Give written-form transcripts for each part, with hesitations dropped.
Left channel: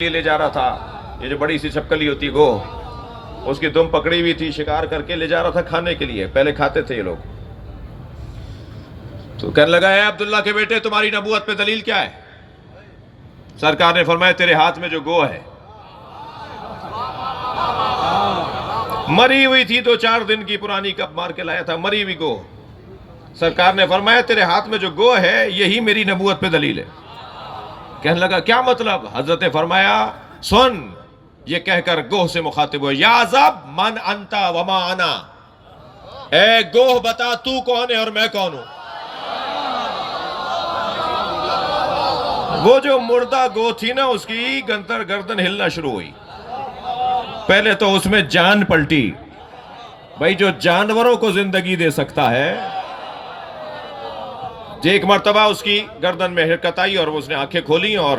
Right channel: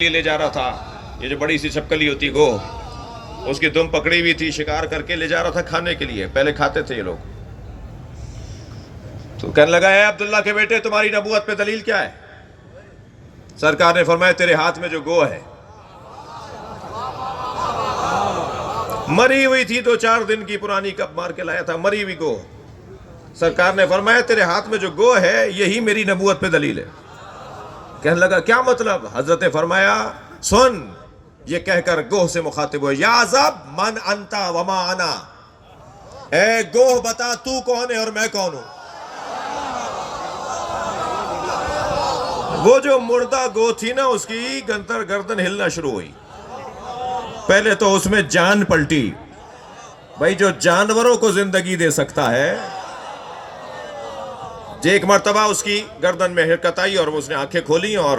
لے جا رہا تھا، یہ جو بڑی سی چھپکلی ہوتی گو، اس کی دم پکڑی ہوئی تھی، شکار کر کے لے جا رہا تھا کھانے کے لیے. پہلے کھاتے تھے یہ لوگ. تو کہنے لگا اے عبداللہ کے بیٹے تمہاری نبوت پہ دلیل کیا ہے؟ سرکار نے فرمایا تیرے ہاتھ میں جو گو ہے، مری ہوئی تھی 2-4 دن کی پرانی، کب مار کے لایا تھا مری ہوئی گو. سرکار نے فرمایا تیرے ہاتھ میں جو گو ہے یہی میری نبوت پہ دلیل ہے. کہنے لگا کیا مطلب؟ حضرت نے فرمایا سن، یہ کہہ کر گوہ سے مخاطب ہو، یا عزب من انتا وما انا، اے گوہ بتا تو کون ہے اور میں کون ہوں. وہ جو مردہ گو تھی نا، اس کی گردن ہلنا شروع ہوئی. پہلے تو اس میں جان پلٹی. بھائی جو جانوروں کو زندگی دے سکتا ہے، ایک مرتبہ اس کی گردن میں حرکت آئی اور اس نے آنکھیں کھولی اور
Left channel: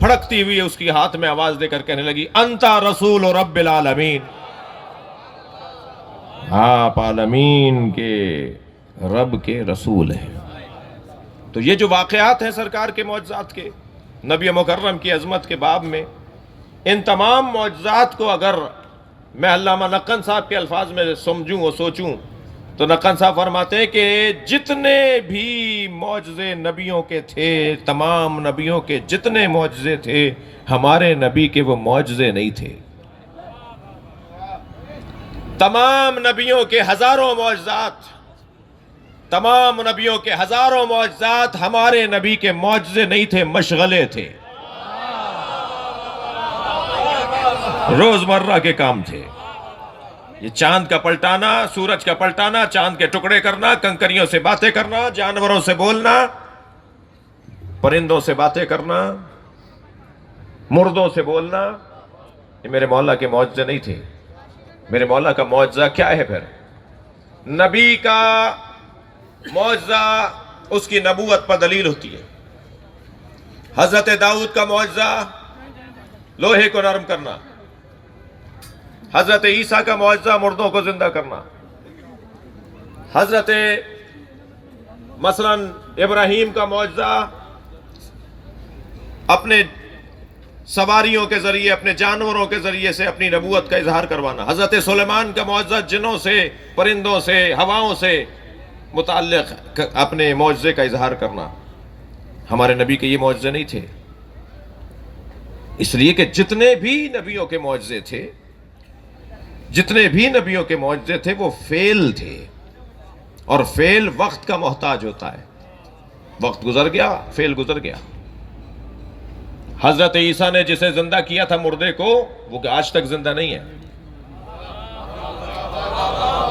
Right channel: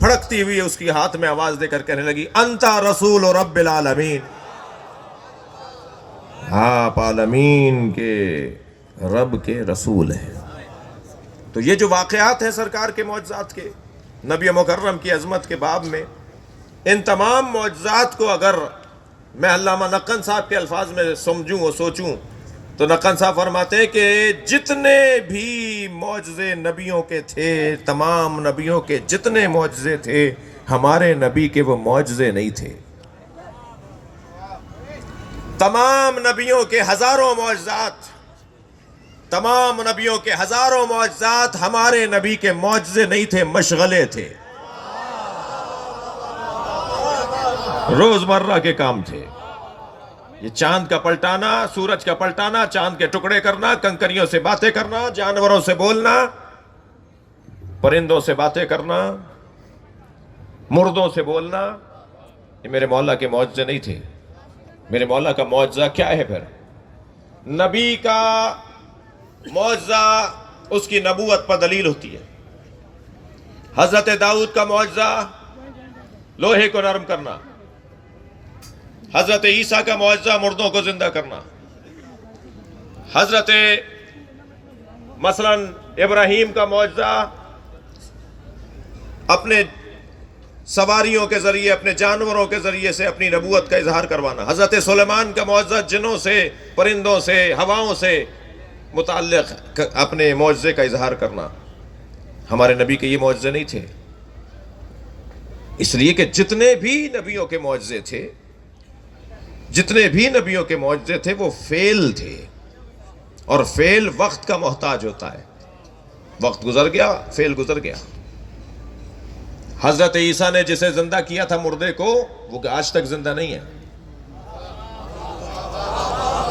پھڑکتی ہوئی اس کی ہاتھ میں آواز دے کر کہنے لگی انتا رسول رب العالمین، آپ عالمین کے رب کے رسول ہیں. تو یہ جو واقعات ہیں سرکار کے معجزات کے، نبی مکرم کی عظمت کے باب میں، ان تمام معجزات کو اگر میں علامہ نقن صاحب کے الفاظ میں سمجھوں اور سوچوں تو نقن صاحب فرماتے ہیں کہ جتنے بھی معجزے نبیوں کے تھے، تمام نبیوں کے جتنے معجزے تھے، ہمارے نبی کے وہ معجزے نہیں تھے. تمام نبیوں کے ہزاروں معجزات، تمام نبیوں کے ہزاروں معجزات ہمارے نبی کے معجزے نہیں تھے، مشغلے تھے، روزمرہ کے کام تھے. یہ چاند کا پلٹانا، سورج کا پلٹانا، چاند کے ٹکڑے کرنا، کنکریوں سے باتیں کرنا، جانوروں سے بولنا، پرندوں سے باتیں کرنا، مردوں سے بولنا، یہ میرے مولا کے معجزے نہیں تھے. میرے مولا کا معجزہ کیا ہے پھر؟ نبی کا معجزہ اس کی نبوت پر دلیل ہوتی ہے. حضرت داؤد کا معجزہ لوہے کو نرم کرنا، حضرت عیسیٰ کا معجزہ مردوں کو زندہ کرنا، حضرت مثلا ابراہیم کا معجزہ اپنے سواریوں کے ذریعے، اپنے جانوروں کے ذریعے سے اپنی نبوت کا اظہار کروانا، حضرت سلیمان کا معجزہ جنوں سے، پرندوں سے، ہواؤں سے متعلق اپنے معجزے کا اظہار کرنا. ہمارے نبی کے یہ معجزے نہیں تھے. اس لیے کہ جتنے بھی نبیوں کے معجزے تھے، جتنے بھی نبیوں کے معجزے تھے، وہ فعل تھے، اور فعل وقت کا محتاج ہوتا ہے. وقت گزر گیا، فعل گزر گیا. حضرت عیسیٰ نے جسے زندہ کیا تھا مردے کو، وہ آج تک زندہ نہیں ہے.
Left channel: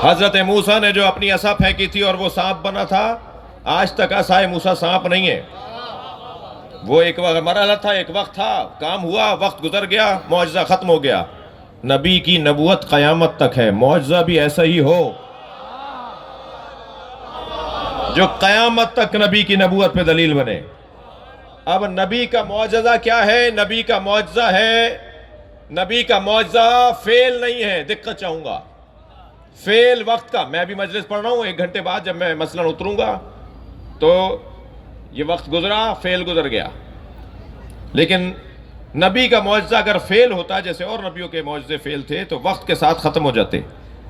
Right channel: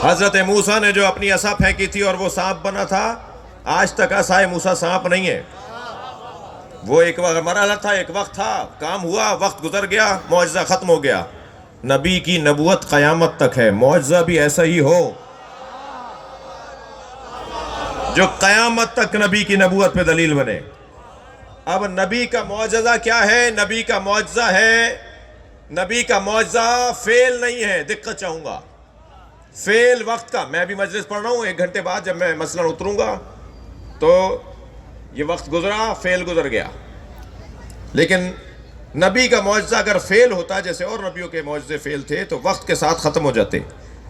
حضرت موسیٰ نے جو اپنی عصا پھینکی تھی اور وہ سانپ بنا تھا، آج تک عصا موسیٰ سانپ نہیں ہے. وہ ایک مرحلہ تھا، ایک وقت تھا، کام ہوا، وقت گزر گیا، معجزہ ختم ہو گیا. نبی کی نبوت قیامت تک ہے. معجزہ بھی ایسا ہی ہو جو قیامت تک نبی کی نبوت پہ دلیل بنے. اب نبی کا معجزہ کیا ہے؟ نبی کا معجزہ ہے، نبی کا معجزہ فعل نہیں ہے. دقت چاہوں گا، فعل وقت کا. میں بھی مجلس پڑھ رہا ہوں، 1 گھنٹے بعد جب میں مثلا اتروں گا تو یہ وقت گزرا، فعل گزر گیا. لیکن نبی کا معجزہ اگر فعل ہوتا، جیسے اور نبیوں کے معجزے فعل تھے، تو وقت کے ساتھ ختم ہو جاتے.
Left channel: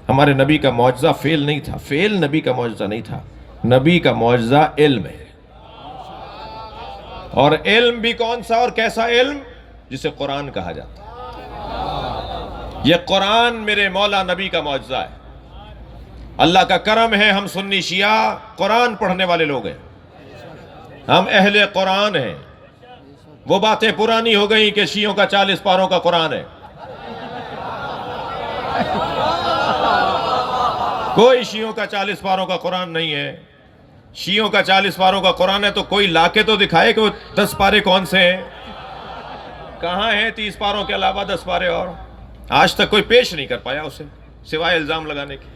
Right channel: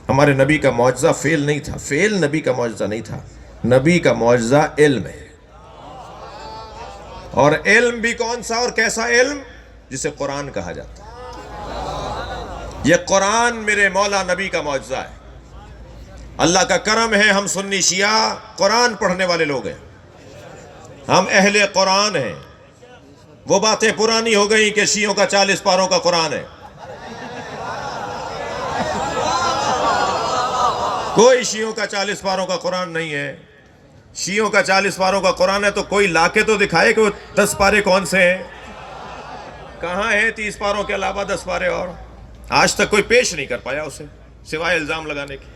ہمارے نبی کا معجزہ فعل نہیں تھا، فعل نبی کا معجزہ نہیں تھا. نبی کا معجزہ علم ہے. اور علم بھی کون سا اور کیسا علم؟ جسے قرآن کہا جاتا. یہ قرآن میرے مولا نبی کا معجزہ ہے. اللہ کا کرم ہے، ہم سنی شیعہ قرآن پڑھنے والے لوگ ہیں، ہم اہل قرآن ہیں. وہ باتیں پرانی ہو گئی کہ شیعوں کا 40 پاروں کا قرآن ہے. کوئی شیعوں کا 40 پاروں کا قرآن نہیں ہے. شیعوں کا 40 پاروں کا قرآن ہے تو کوئی لا کے تو دکھائے کہ وہ 10 پارے کون سے ہیں. کہاں ہیں 30 پاروں کے علاوہ 10 پارے؟ اور آج تک کوئی پیش نہیں کر پایا اسے، سوائے الزام لگانے کے.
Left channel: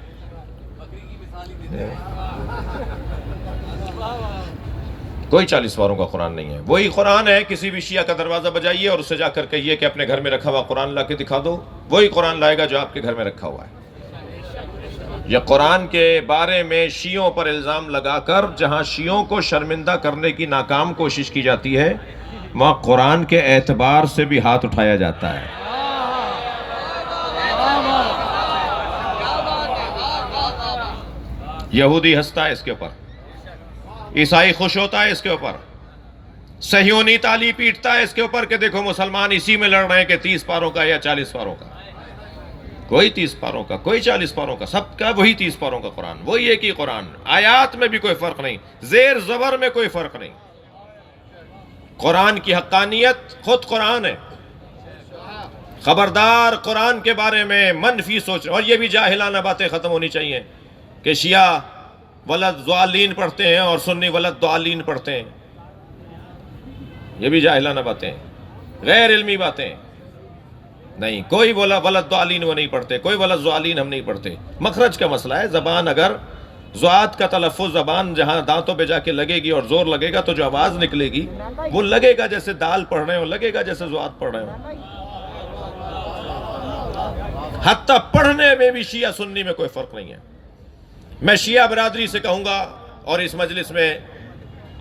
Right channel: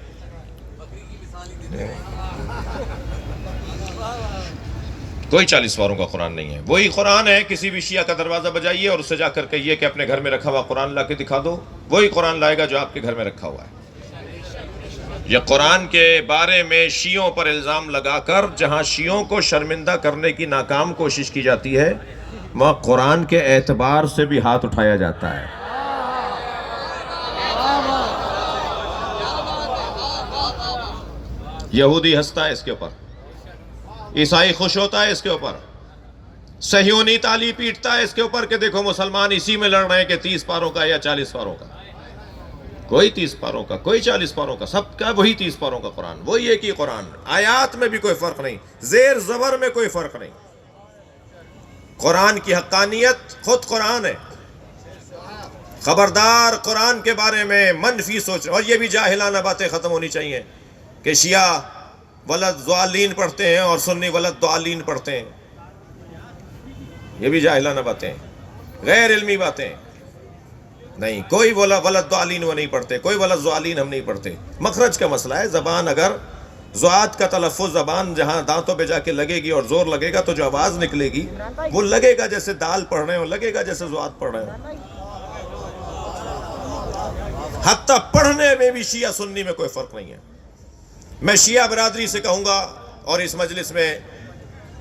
کوئی 40 پاروں کا قرآن نہیں ہے. وہی قرآن ہے، کسی بھی شیعہ کا دروازہ بجائیے اور اس سے جا کر کہیے کہ اپنے گھر میں رکھا ہوا قرآن لا کے دکھا دو، وہی قرآن لائے گا جو آپ کے گھر میں رکھا ہوا ہے. یہ قرآن کے بارے میں شیعوں پر الزام لگا کر جہاں شیعوں کو شرمندہ کرنے کی ناکام کوشش کی جاتی ہے، وہاں قرآن کے اعتبار سے بھی ہاتھ اٹھایا جاتا ہے. یہودی ہنستا ہے اس کے اوپر, عیسائی خوش ہوتا ہے اس کے اوپر, صہیونی تالی پیٹتا ہے اس کے اوپر کہ دیکھو مسلمان اسی میں لڑ رہے ہیں کہ 30 پاروں کا یا 40 پاروں کا. کوئی 30 پاروں کا, کوئی 40 پاروں کا, سب کا وہی 30 پاروں کا قرآن, وہی ایک ہی قرآن. آیات میں بھی کوئی فرق نہیں, زیر زبر میں کوئی فرق نہیں. قرآن کی حقانیت خود قرآن ہے. خبردار قرآن کے بارے میں منفی سوچ. اور یہ بھی جاہلانہ باتیں ختم ہونی چاہیے کہ شیعہ ولد ضالین پڑھتے ہیں اور سنی ولد ضالین پڑھتے ہیں. یہ بھی جاہلانہ باتیں, غیر علمی باتیں. نہیں, کوئی ولد ضالین وہ نہیں پڑھتے, کوئی ولد ضالین ہم نہیں پڑھتے. مخرج کا مسئلہ ہے. زبان اگر ضاد کا تلفظ زبان جہاں دانتوں پہ جا کے لگے گی اور زور لگے گا تو جو آواز نکلے گی وہ لگے گا جیسے دال پڑھ رہے ہو, لگے گا جیسے ضاد پڑھ رہے ہو. حتیٰ پڑھنے میں بھی شیعہ سنی میں کوئی فرق نہیں ہے. میں شیعہ برادری سے کہوں گا, اور اس مجلس میں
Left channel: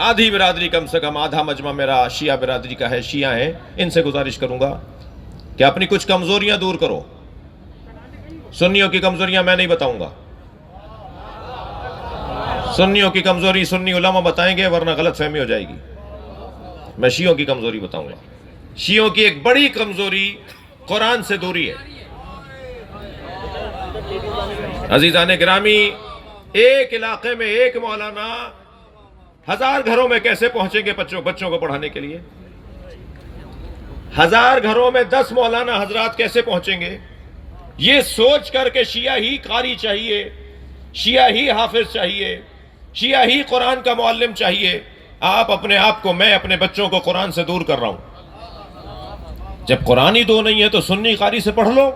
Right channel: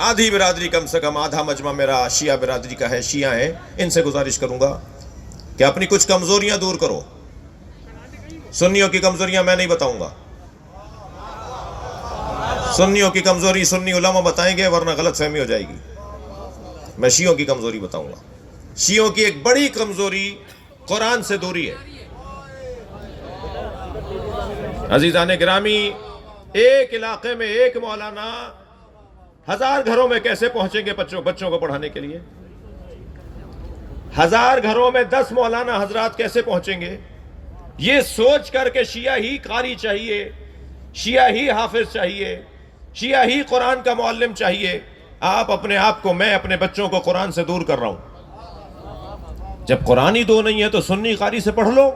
آدھی برادری, کم سے کم آدھا مجمع میرا شیعہ برادری کا ہے, شیعہ ہیں, ان سے گزارش کروں گا کہ اپنی کچھ کمزوریاں دور کرو. سنیوں کی کمزوریاں میں نہیں بتاؤں گا. سنیوں کی کمزوری سنی علماء بتائیں گے, ورنہ غلط فہمی ہو جائے گی. میں شیعوں کی کمزوری بتاؤں گا. شیعوں کی ایک بڑی کمزوری قرآن سے دوری ہے. عزیزان گرامی, ایک علاقے میں ایک مولانا 1000 گھروں میں کیسے پہنچیں گے بچوں کو پڑھانے کے لیے؟ 1000 گھروں میں 10 مولانا حضرات کیسے پہنچیں گے؟ یہ سوچ کر کے شیعہ ہی قاری چاہیے, شیعہ ہی حافظ چاہیے, شیعہ ہی قرآن کا معلم چاہیے. آپ اپنے آپ کو, میں اپنے بچوں کو قرآن سے دور کر رہا ہوں. جب قرآن ہی دو نہیں ہے تو سنی قاری سے پڑھ لو.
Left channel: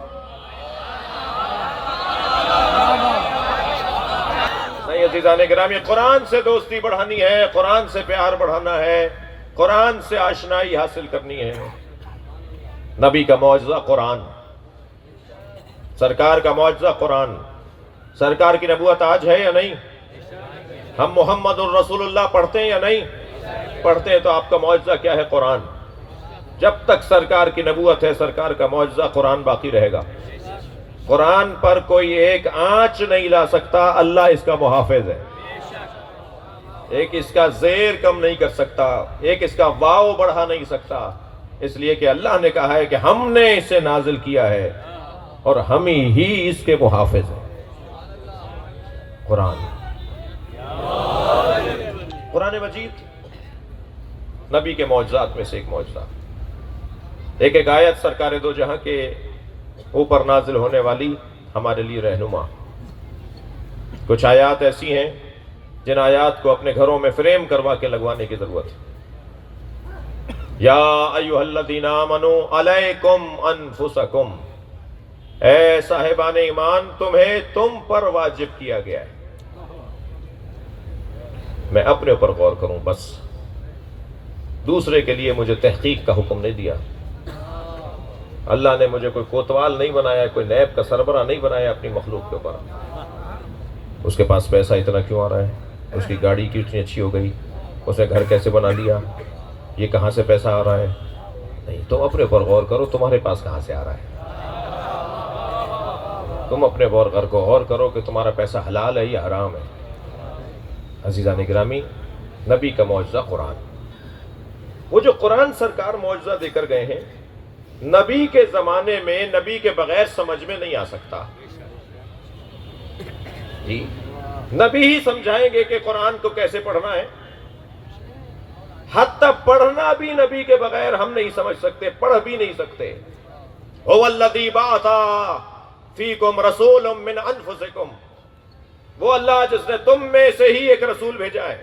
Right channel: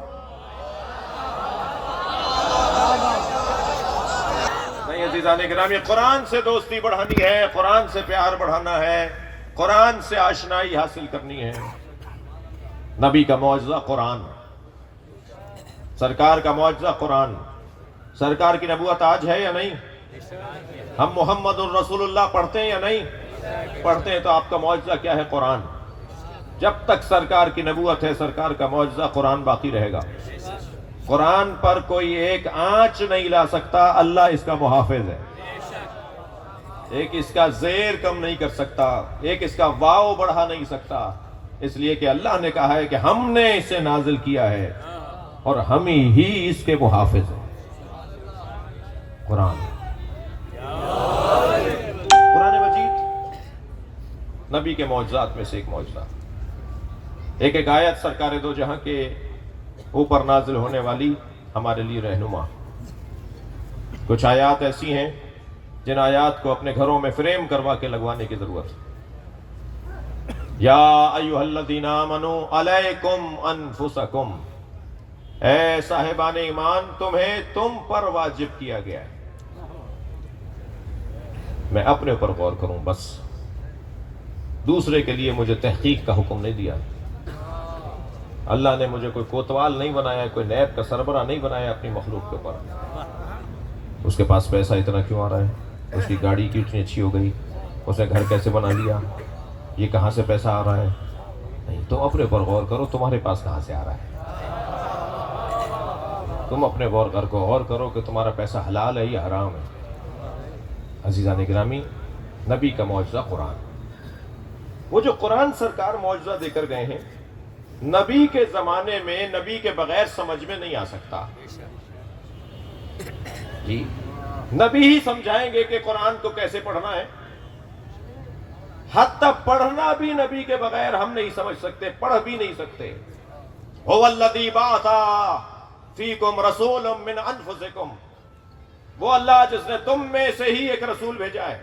نہیں عزیزان گرامی, قرآن سے دوستی بڑھانی ہے, قرآن سے پیار بڑھانا ہے, قرآن سے آشنائی حاصل کرنی ہے. نبی کا معجزہ قرآن, سرکار کا معجزہ قرآن. سرکار کی نبوت آج ہے یا نہیں؟ ہم محمد الرسول اللہ پڑھتے ہیں یا نہیں پڑھتے ہیں؟ تو آپ کا معجزہ کیا ہے؟ قرآن. جب تک سرکار کی نبوت ہے, سرکار کا معجزہ قرآن باقی رہے گا. قرآن پر کوئی ایک آنچ نہیں لا سکتا, اللہ اس کا محافظ ہے. ایک اس کا زیر کم نہیں کر سکتا, ایک اس کا واو بڑھا نہیں سکتا, اس لیے کہ اللہ نے کہا ہے کہ ہم نے اسے نازل کیا ہے اور ہم ہی اس کے محافظ ہیں. قرآن مجید نبی کے معجزات میں سے ایک معجزہ. ایک ایک آیت سرکار دو جہاں کے اوپر نازل ہونے والی ہمارے لیے رہنما. کچھ آیات ایسی ہیں جن آیات کو اپنے گھروں میں فریم کروا کے لگوانے کی ضرورت ہے. یا ایھا الذین آمنوا علیکم انفسکم, اے صاحبان ایمان تمہیں تم پر واجب کیا گیا ہے. میں اپنے اوپر غور کروں بس, دوسرے کے لیے مجھے تحقیق کا حکم نہیں دیا. اللہ نے مجھے کوئی کوتوال نہیں بنایا, کوئی نیب کا سربراہ نہیں بنایا اپنی مخلوق کے اوپر. اس کے پاس پیسہ اتنا کیوں آ رہا ہے, اس کی گاڑی کیوں اتنی اچھی ہو گئی, اس نے گھر کیسے بنا لیا, یہ کہاں سے پیسہ آ رہا ہے. نہیں, تم اپنے اوپر غور کرو تمہارے پاس کہاں سے آ رہا ہے. تم اپنے غور کو غور کرو کہ تمہارا پیسہ حلال ہے یا حرام ہے. عزیزان گرامی, نبی کا معجزہ قرآن. وہ جو قرآن سرکار معجزہ دے کر گئے ہیں, نبی کے زمانے میں نبی کے بغیر سمجھ میں نہیں آ سکتا. جی, نبی ہی سمجھائیں گے کہ قرآن کو کیسے پڑھنا ہے. حتیٰ پڑھنا بھی نبی کے بغیر ہم نہیں سمجھ سکتے, پڑھ بھی نہیں سکتے. هو الذی بعث فیکم رسولا من انفسکم, وہ اللہ جس نے تم میں سے ہی ایک رسول بھیجا ہے.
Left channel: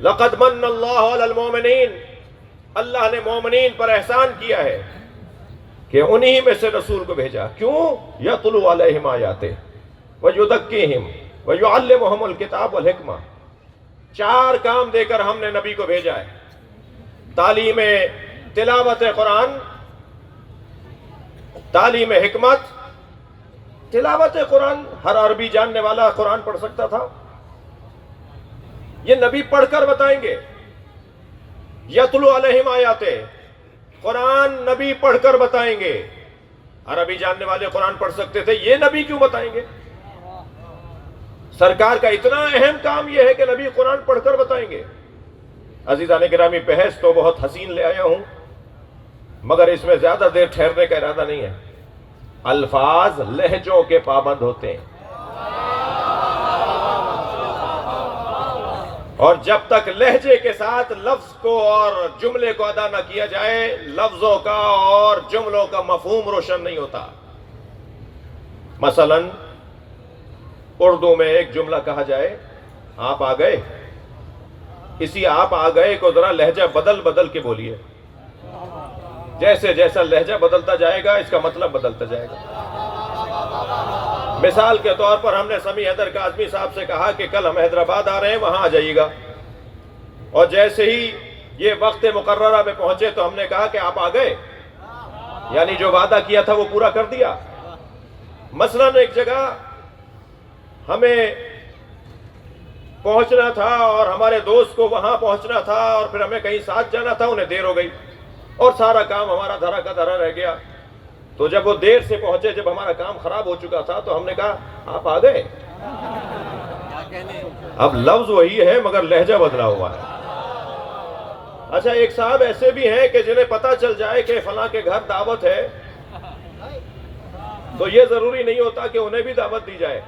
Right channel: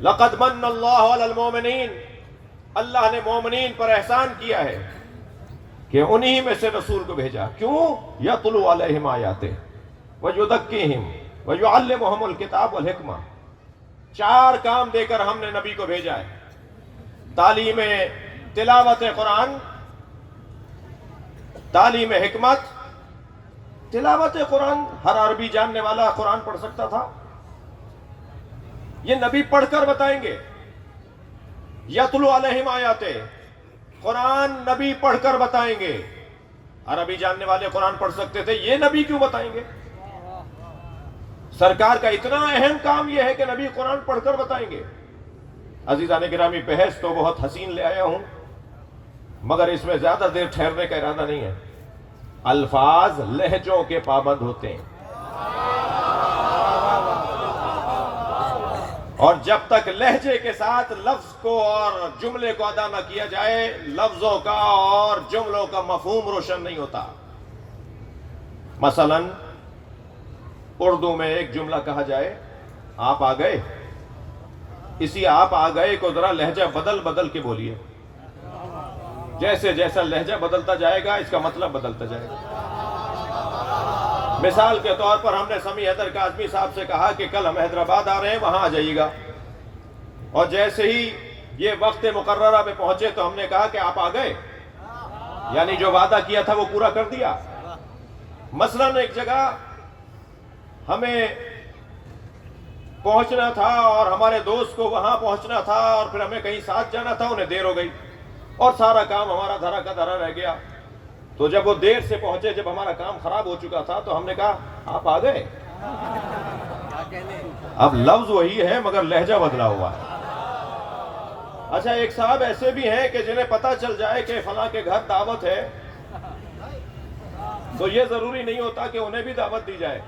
لقد من اللہ علی المؤمنین, اللہ نے مومنین پر احسان کیا ہے کہ انہی میں سے رسول کو بھیجا. کیوں؟ یتلو علیہم آیاتہ ویزکیہم ویعلمہم الکتاب والحکمہ. 4 کام دے کر ہم نے نبی کو بھیجا ہے. تعلیم تلاوت قرآن, تعلیم حکمت. تلاوت قرآن ہر عربی جاننے والا قرآن پڑھ سکتا تھا, یہ نبی پڑھ کر بتائیں گے. یتلو علیہم آیاتہ، قرآن نبی پڑھ کر بتائیں گے۔ عربی جاننے والے قرآن پڑھ سکتے تھے، یہ نبی کیوں بتائیں گے؟ سرکار کا اتنا اہم کام یہ ہے کہ نبی قرآن پڑھ کر بتائیں گے۔ عزیزان گرامی، بحث تو بہت حسین لے آیا ہوں، مگر اس میں زیادہ دیر ٹھہرنے کا ارادہ نہیں ہے۔ الفاظ لہجوں کے پابند ہوتے ہیں، اور جب تک لہجے کے ساتھ لفظ کو اور جملے کو ادا نہ کیا جائے، لفظوں کا اور جملوں کا مفہوم روشن نہیں ہوتا۔ مثلا اردو میں ایک جملہ کہا جائے، آپ آ گئے، اسی آپ آ گئے کو ذرا لہجہ بدل بدل کے بولیے۔ جیسے جیسا لہجہ بدلتا جائے گا، اس کا مطلب بدلتا جائے گا۔ مثال کے طور پر ہم نے سمیع حیدر کاظمی صاحب سے کہا کہ کل ہم حیدرآباد آ رہے ہیں، وہاں آ جائیے گا، اور جیسے ہی یہ وقت مقررہ پہ پہنچے تو ہم نے کہا کہ آپ آ گئے، یعنی جو وعدہ کیا تھا وہ پورا کر دیا۔ مثلا ایک جگہ ہمیں پہنچنا تھا اور ہمارے دوست کو وہاں پہنچنا تھا، اور پھر ہمیں کہیں ساتھ جانا تھا، انہیں دیر ہو گئی اور سارا کام ہمارا دھرا کا دھرا رہ گیا۔ تو جب وہ دیر سے پہنچے، جب ہمارا کام خراب ہو چکا تھا، تو ہم نے کہا آپ آ گئے۔ اب لفظ وہی ہے مگر لہجہ بدلا ہوا ہے۔ اچھا، ایک صاحب ایسے بھی ہیں کہ جنہیں پتا چل جائے کہ فلاں کے گھر دعوت ہے، تو یہ ضروری نہیں ہوتا کہ انہیں بھی دعوت دی جائے۔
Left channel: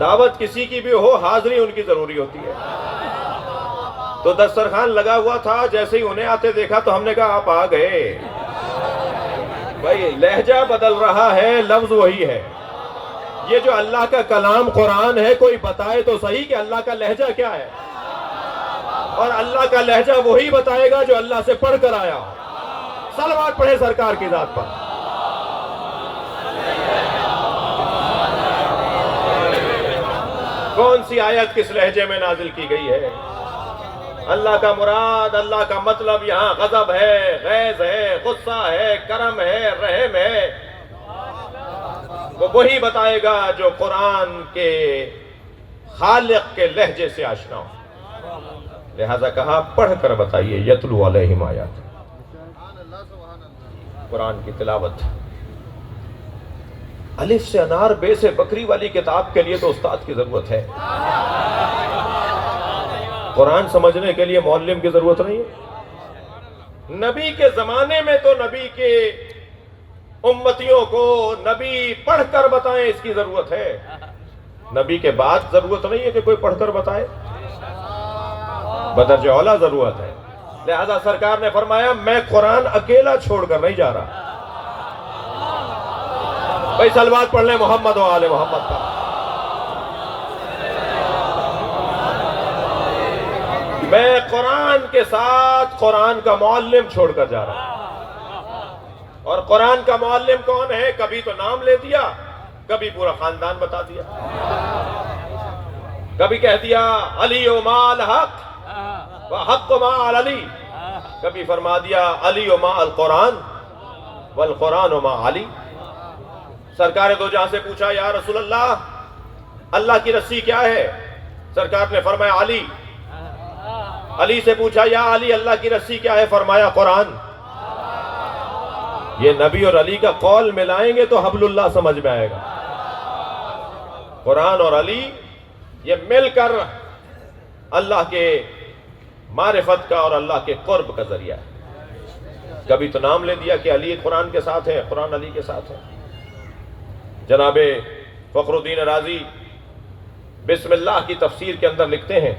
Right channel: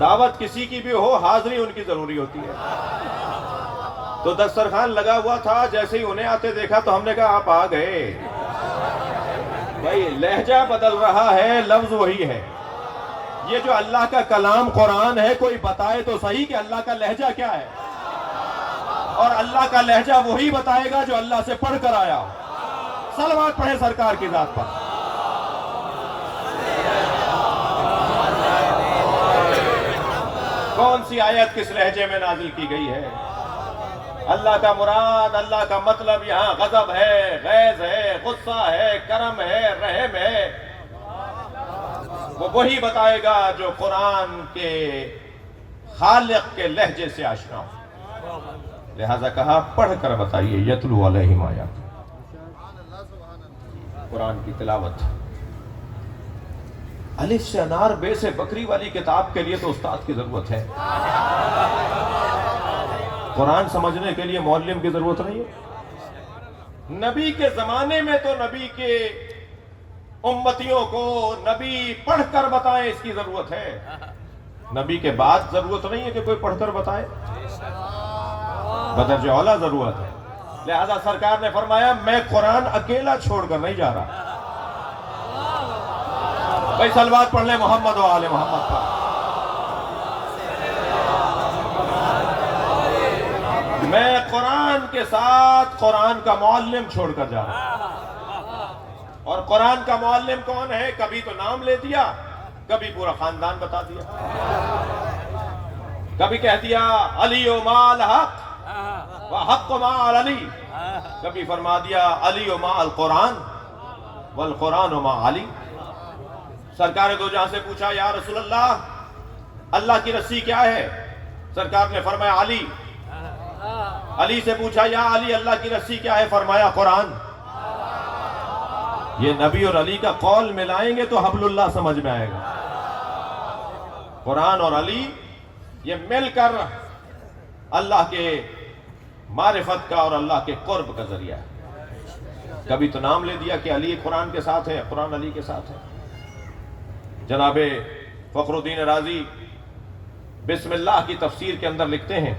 دعوت کسی کی بھی ہو، حاضری ان کی ضروری ہوتی ہے۔ تو دسترخوان لگا ہوا تھا، جیسے ہی انہیں آتے دیکھا تو ہم نے کہا آپ آ گئے۔ بھائی لہجہ بدل رہا ہے، لفظ وہی ہے۔ یہ جو اللہ کا کلام قرآن ہے، کوئی بتائے تو صحیح کہ اللہ کا لہجہ کیا ہے، اور اللہ کا لہجہ وہی بتائے گا جو اللہ سے پڑھ کر آیا۔ صلوات پڑھیں سرکار کی ذات پر۔ کون سی آیت کس لہجے میں نازل کی گئی ہے؟ اللہ کا مراد، اللہ کا مطلب یہاں غضب ہے، غیظ ہے، غصہ ہے، کرم ہے، رحم ہے، وہ وہی بتائے گا جو قرآن کے خالق کے لہجے سے آشنا ہو۔ لہذا کہا پڑھ کر بتائیے، یتلو علیہم آیات، قرآن کی تلاوت۔ الف سے انار، بے سے بکری والی کتاب کے لیے تو استاد کی ضرورت ہے، قرآن سمجھنے کے لیے معلم کی ضرورت نہیں ہے۔ نبی کے زمانے میں تو نبی کے امتیوں کو نبی پڑھ کر بتائیں، اس کی ضرورت ہے۔ نبی کے بعد ضرورت نہیں ہے کہ کوئی پڑھ کر بتائے، بدرجہ اولیٰ ضرورت ہے۔ لہذا سرکار نے فرمایا میں قرآن اکیلا چھوڑ کر نہیں جا رہا۔ بھائی صلوات پڑھ لیں محمد و آل محمد پر۔ میں قرآن کے ساتھ قرآن کا معلم چھوڑ کر جا رہا ہوں، اور قرآن کا معلم کون ہے؟ کبھی تو نام لے دیا، کبھی پورا خاندان بتا دیا، کبھی کہہ دیا علی و ما الحق و حق و ما علی، کبھی فرما دیا علی و ما القرآن والقرآن و ما علی۔ سرکار دو جہاں سے پوچھا یا رسول اللہ کی رسی کیا ہے؟ سرکار نے فرمایا علی۔ علی سے پوچھا یا علی اللہ کی رسی کیا ہے؟ فرمایا قرآن۔ یہ نبی اور علی کا قول ملائیں گے تو حبل اللہ سمجھ میں آئے گا۔ قرآن اور علی یہ مل کر اللہ کے معرفت کا اور اللہ کے قرب کا ذریعہ ہے۔ کبھی تو نام لے دیا کہ علی قرآن کے ساتھ ہے، قرآن علی کے ساتھ ہے۔ جناب فخر الدین رازی بسم اللہ کی تفسیر کے اندر لکھتے ہیں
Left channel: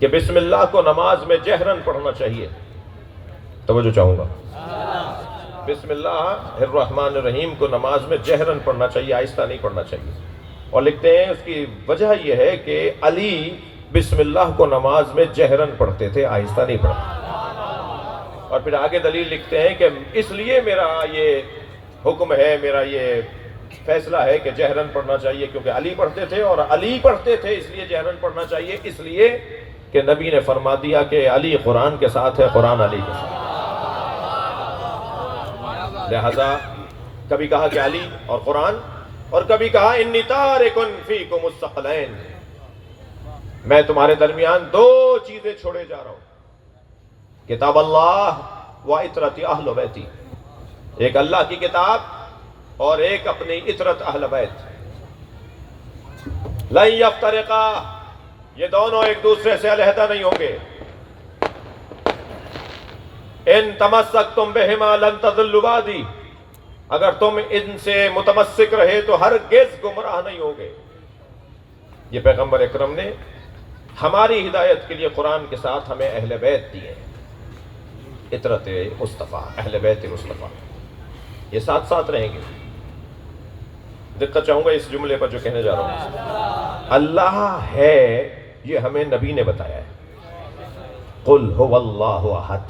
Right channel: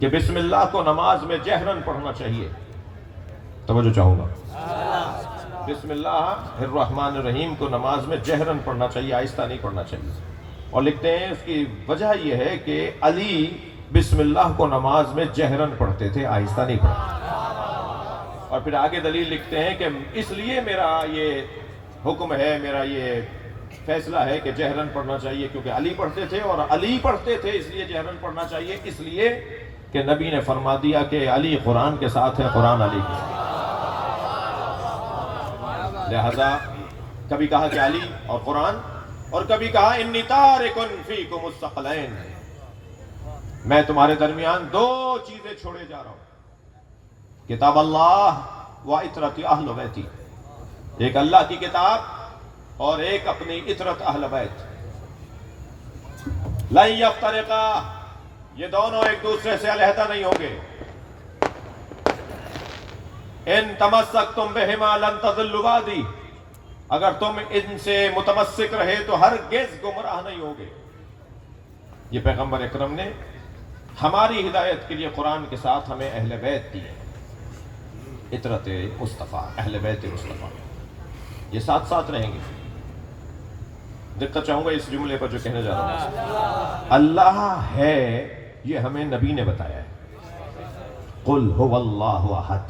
کہ بسم اللہ کو نماز میں جہرن پڑھنا چاہیے۔ توجہ چاہوں گا، بسم اللہ الرحمن الرحیم کو نماز میں جہرن پڑھنا چاہیے، آہستہ نہیں پڑھنا چاہیے۔ اور لکھتے ہیں اس کی وجہ یہ ہے کہ علی بسم اللہ کو نماز میں جہرن پڑھتے تھے، آہستہ نہیں پڑھتے۔ اور پھر آگے دلیل لکھتے ہیں کہ اس لیے میرا یہ حکم ہے، میرا یہ فیصلہ ہے کہ جہرن پڑھنا چاہیے، کیونکہ علی پڑھتے تھے اور علی پڑھتے تھے، اس لیے جہرن پڑھنا چاہیے، اس لیے کہ نبی نے فرما دیا کہ علی قرآن کے ساتھ ہے، قرآن علی کے ساتھ۔ لہذا کبھی کہا کہ علی اور قرآن، اور کبھی کہا انی تارکن فیکم الثقلین، میں تمہارے درمیان دو چیزیں چھوڑے جا رہا ہوں، کتاب اللہ و عطرت اہل بیتی، ایک اللہ کی کتاب اور ایک اپنی عطرت اہل بیت. لن یفترقا، یہ دونوں ایک دوسرے سے علیحدہ نہیں ہوں گے. ان تمسکتم بہما لن تضلوا بعدی، اگر تم ان سے متمسک رہے تو ہرگز گمراہ نہیں ہوگے. یہ پیغمبر اکرم نے ہماری ہدایت کے لیے قرآن کے ساتھ ہمیں اہل بیت دیے، عطرت مصطفیٰ، اہل بیت مصطفیٰ، یہ ساتھ ساتھ رہیں گے. دقت چاہوں گا اس جملے پر جو کہنے جا رہا ہوں. اللہ ہے یہ ہمیں نبی نے بتایا ہے. قل هو اللہ احد،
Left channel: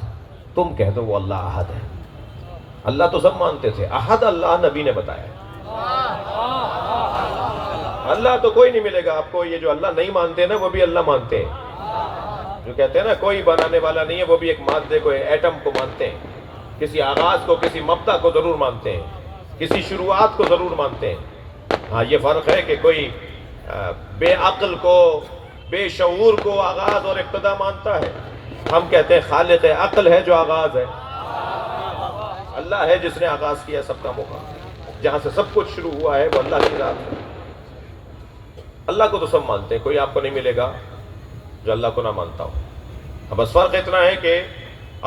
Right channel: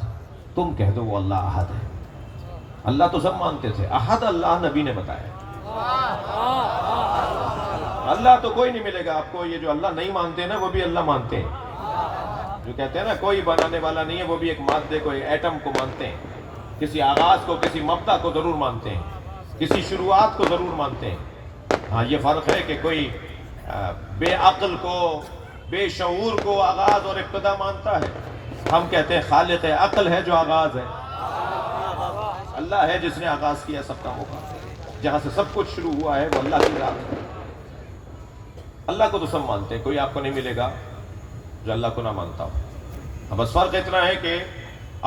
تم کہہ دو وہ اللہ احد ہے. اللہ تو سب مانتے تھے، احد اللہ نبی نے بتایا ہے. اللہ تو کوئی نہیں ملے گا آپ کو. یہ جو اللہ نہیں مانتے نا وہ بھی اللہ مانتے ہیں. جو کہتے ہیں نا کوئی بنانے والا نہیں ہے، وہ بھی ایک مادے کو، ایٹم کو مانتے ہیں. کسی آغاز کو، کسی مبدا کو ضرور مانتے ہیں، کسی شروعات کو ضرور مانتے ہیں. ہاں یہ فرق ہے کہ کوئی بے عقل کو، بے شعور کو آغاز اور ابتدا مانتا ہے. ہم کہتے ہیں خالق عقل ہے جو آغاز ہے. اللہ ہے جس نے آغاز کیا سب کا موقع. جہاں سے سب کچھ شروع ہوا ہے وہ اللہ کی ذات ہے. اللہ کو تو سب مانتے ہیں، کوئی آپ کو نہیں ملے گا جو اللہ کو نہ مانتا ہو. بس فرق اتنا ہے کہ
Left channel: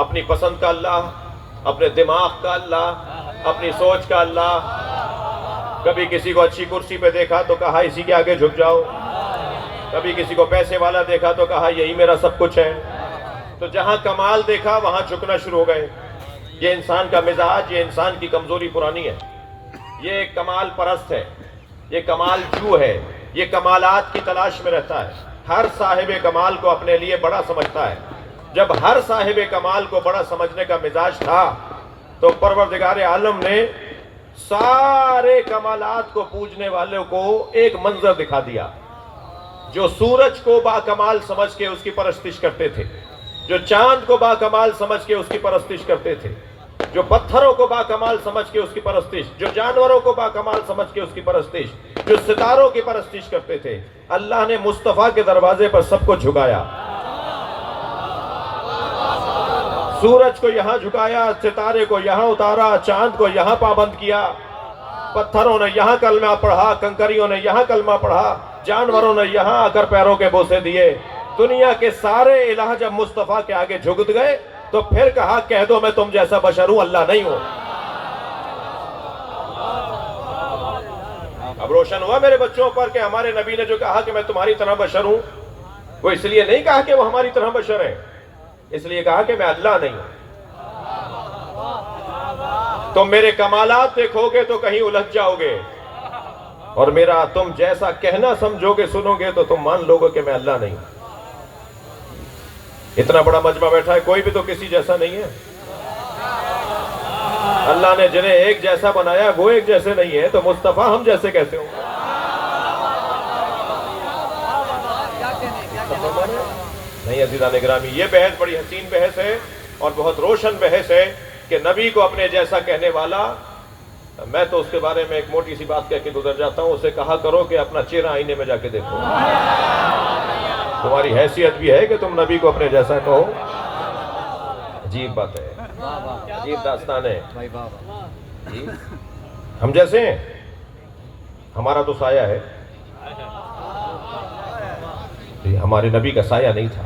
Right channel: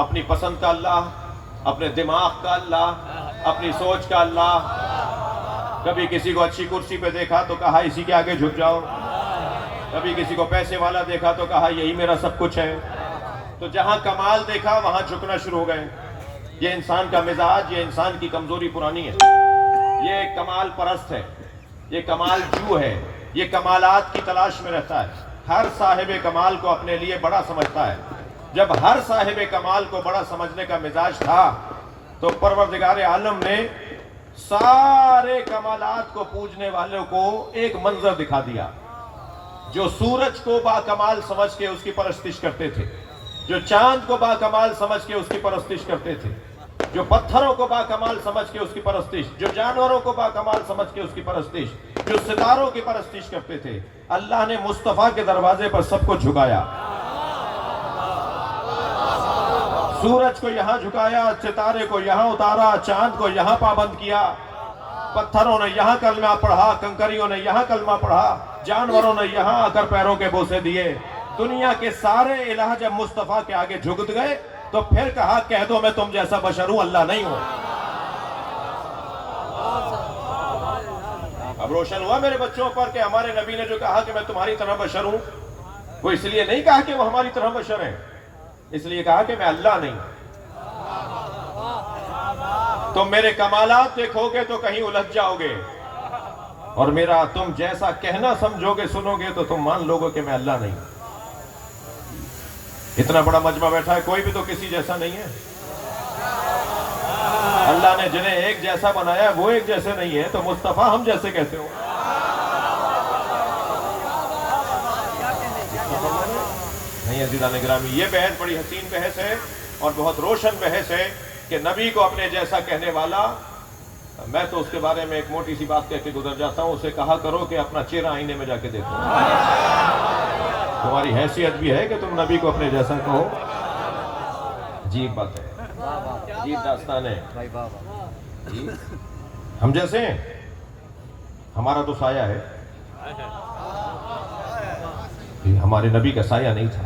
اپنی پسند کا اللہ، اپنے دماغ کا اللہ، اپنی سوچ کا اللہ. کبھی کسی کو اچھی کرسی پہ دیکھا تو کہا اسی کے آگے جھک جاؤ. کبھی کسی کو پیسے والا دیکھا تو کہا یہی میرا سب کچھ ہے. تو جہاں کمال دیکھا وہاں جھکنا شروع ہو گئے. یہ انسان کا مزاج، یہ انسان کی کمزوری پرانی ہے. یہ کمال پرست ہے، یہ کمال جو ہے، یہ کمالات کی تلاش میں رہتا ہے. ہر صاحب کمال کو اپنے لیے بڑا سمجھتا ہے. جب ہر صاحب کمال کو بڑا سمجھنے کا مزاج تھا تو پروردگار عالم نے سارے کمالات کو پوجنے والوں کو ایک منظر دکھا دیا. جو سورج کو با کمال سمجھ کے اس کی پرستش کرتے تھے، جو چاند کو با کمال سمجھ کے اس کی پرستش کرتے تھے، جو پتھروں کو با کمال سمجھ کے اس کی پرستش، جو جانوروں کو با کمال سمجھ کے اس کی پرستش، جو ستاروں کی پرستش کرتے تھے، اللہ نے مصطفیٰ کے دروازے پر سب کو جھکایا. سورج کو یہاں جھکایا، ستارے کو یہاں اتارا، چاند کو یہاں پابند کیا، پتھروں نے یہاں کلمہ پڑھا، کنکریوں نے یہاں کلمہ پڑھا، جانوروں نے یہاں آ کر پیروں کے بوسے دیے. دنیا کے سارے الہ جب مصطفیٰ کے آگے جھک گئے تو پھر کہا کہہ دو میں تم جیسا بشر ہوں، اللہ نہیں ہوں. اب روشن ہوا میرے بچوں پر کہ ہمارے نبی نے جو کہا کہ میں تمہاری طرح بشر ہوں، وہ اس لیے نہیں کہا کہ وہ ہماری طرح بشر ہیں، اس لیے کہا کہ میں اللہ نہیں ہوں. تم میرے کمالات دیکھو گے تو کہیں الجھ جاؤ گے، اور میرا تم جیسا کہنا سمجھو گے، سنو گے تو تم مان لو گے کہ میں اللہ نہیں ہوں. اتنا بڑا مجمع بیٹھا ہے، کوئی بھی تو کسی جیسا نہیں ہے. اللہ نے جنہیں ایک جیسا بنایا ہے وہ ایک جیسے نہیں ہے، تو مصطفیٰ ہم جیسے کیسے ہوں؟ نہیں عزیزان گرامی، یہ بحث بڑی حسین بحث ہے اور بہت روشن بحث ہے کہ نبی کو اپنے جیسا کہنے والا. میں تو اس کے بارے میں ایک موٹی سی بات کہہ کے گزر جاتا ہوں، اسے کہا کرو کہ اپنا چہرہ آئینے میں جا کے دیکھو. تمہاری حیثیت بھی ہے کہ تم نبی کو اپنے جیسا کہو. عجیب بات ہے، عجیب داستان ہے. ہم جیسے ہیں، ہمارا تو سایہ ہے. ہمارے نبی کا سایہ نہیں تھا.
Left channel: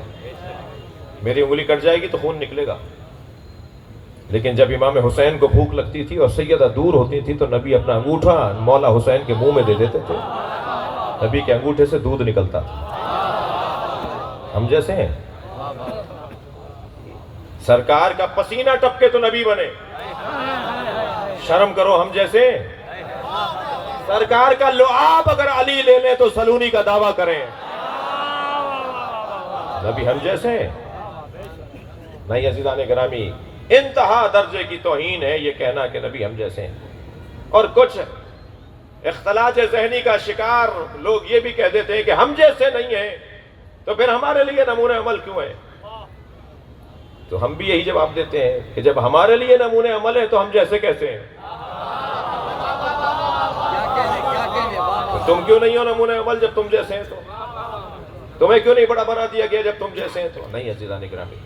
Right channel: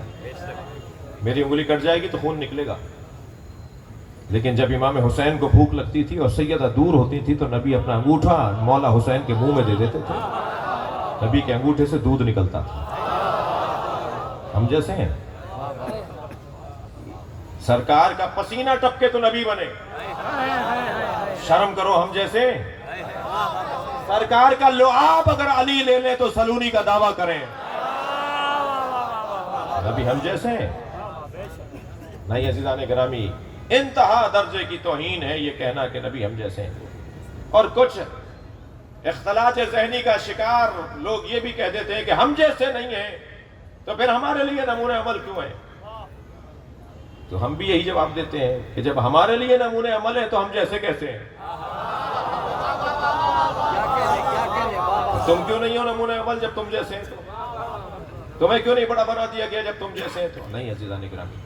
میری انگلی کٹ جائے گی تو خون نکلے گا، لیکن جب امام حسین کو بھوک لگتی تھی اور سیدہ دور ہوتی تھی تو نبی اپنا انگوٹھا مولا حسین کے منہ میں دے دیتے تھے. نبی کے انگوٹھے سے دودھ نکلتا تھا. ہم جیسے ہیں. سرکار کا پسینہ ٹپکے تو نبی بنے. شرم کرو، ہم جیسے. سرکار کا لعاب اگر علی لے لیں تو سلونی کا دعویٰ کریں. نبی ہم جیسے ہیں. نہیں عزیزان گرامی، انتہا درجے کی توہین ہے یہ کہنا کہ نبی ہم جیسے ہیں. اور کچھ اختلاط ذہنی کا شکار لوگ یہ بھی کہہ دیتے ہیں کہ ہم جیسے نہیں ہیں تو پھر ہمارے لیے نمونہ عمل کیوں ہے؟ تو ہم بھی یہی جواب دیتے ہیں کہ جب ہمارے لیے نمونہ عمل ہے تو ہم جیسے کیسے ہیں؟ تم کیوں نہیں ہو نمونہ عمل جب تم جیسے ہیں؟ تو تمہیں کیوں نہیں بڑا بنا دیا گیا جب تم جیسے ہیں؟ تو نہیں عزیزان گرامی،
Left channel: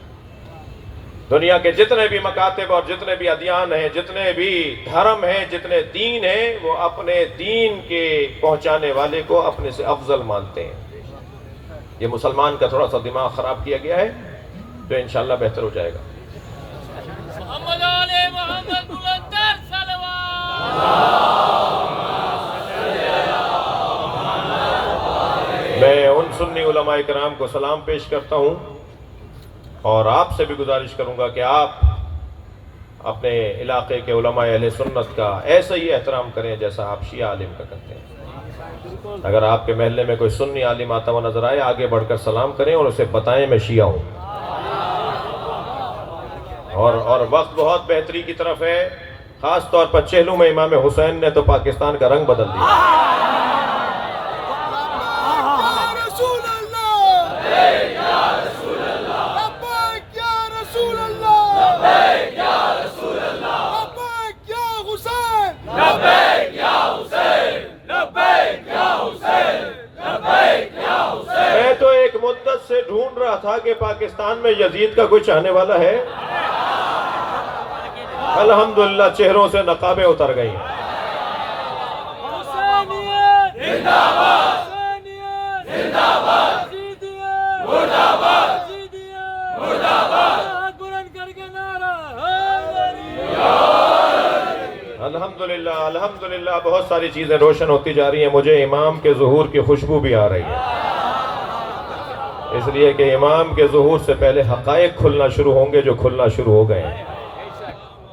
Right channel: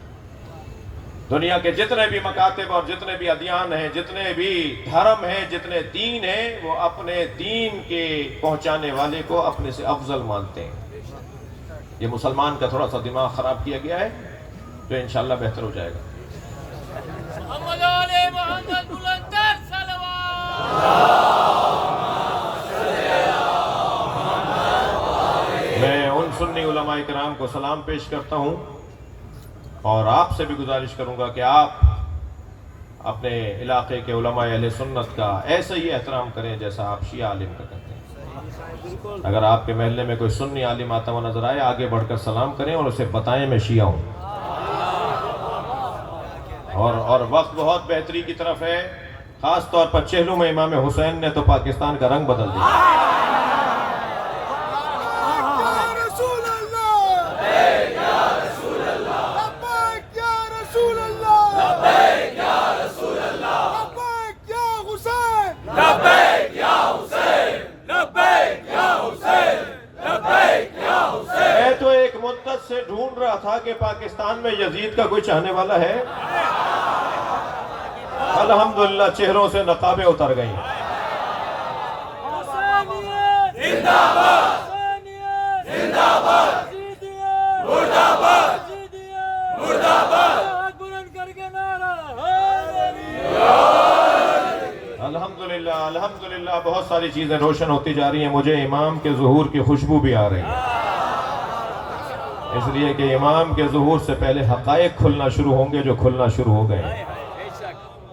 دنیا کے جتنے بھی مکاتب اور جتنے بھی ادیان ہیں، جتنے بھی دھرم ہیں، جتنے دین ہیں، وہ اپنے دین کے پہنچانے والے کو اپنے سے افضل مانتے ہیں۔ یہ مسلمان کا تھوڑا سا دماغ خراب کیا گیا ہے، جو انشاءاللہ بہتر ہو جائے گا۔ محمد علی محمد بلندر صلوات۔ میں ان سنی علماء کرام کو سلام پیش کرتا ہوں اور آپ سے بھی گزارش کروں گا کہ آپ اپنے علاقے کے علماء اہل سنت کا ایسا ہی احترام کریں جیسا آپ شیعہ عالم کا کرتے ہیں۔ اگر آپ کے محلے میں کوئی سنی عالم آتا ہوا نظر آئے، آگے بڑھ کر سلام کریں اور اسے بتائیں میں شیعہ ہوں۔ اور وقت بہت بہتری کی طرف ہے، خاص طور پر چہلوں میں امام حسین نے تو پاکستان کا رنگ بدل دیا۔ میں تو ایک مدت سے ڈھونڈ رہا تھا کہ پاکستان میں یزید کا کوئی چاہنے والا ہے۔ الحمدللہ چہروں سے نقابیں اتر گئی ہیں۔ الحمدللہ بہت ساری چیزیں روشن ہوتی جا رہی ہیں۔ مجھے امام کے ظہور کی خوشبو بھی آ رہی ہے، اس لیے کہ امام کے ظہور سے پہلے حقائق کھلنا شروع ہوں گے جو کھلنا شروع ہو گئے ہیں۔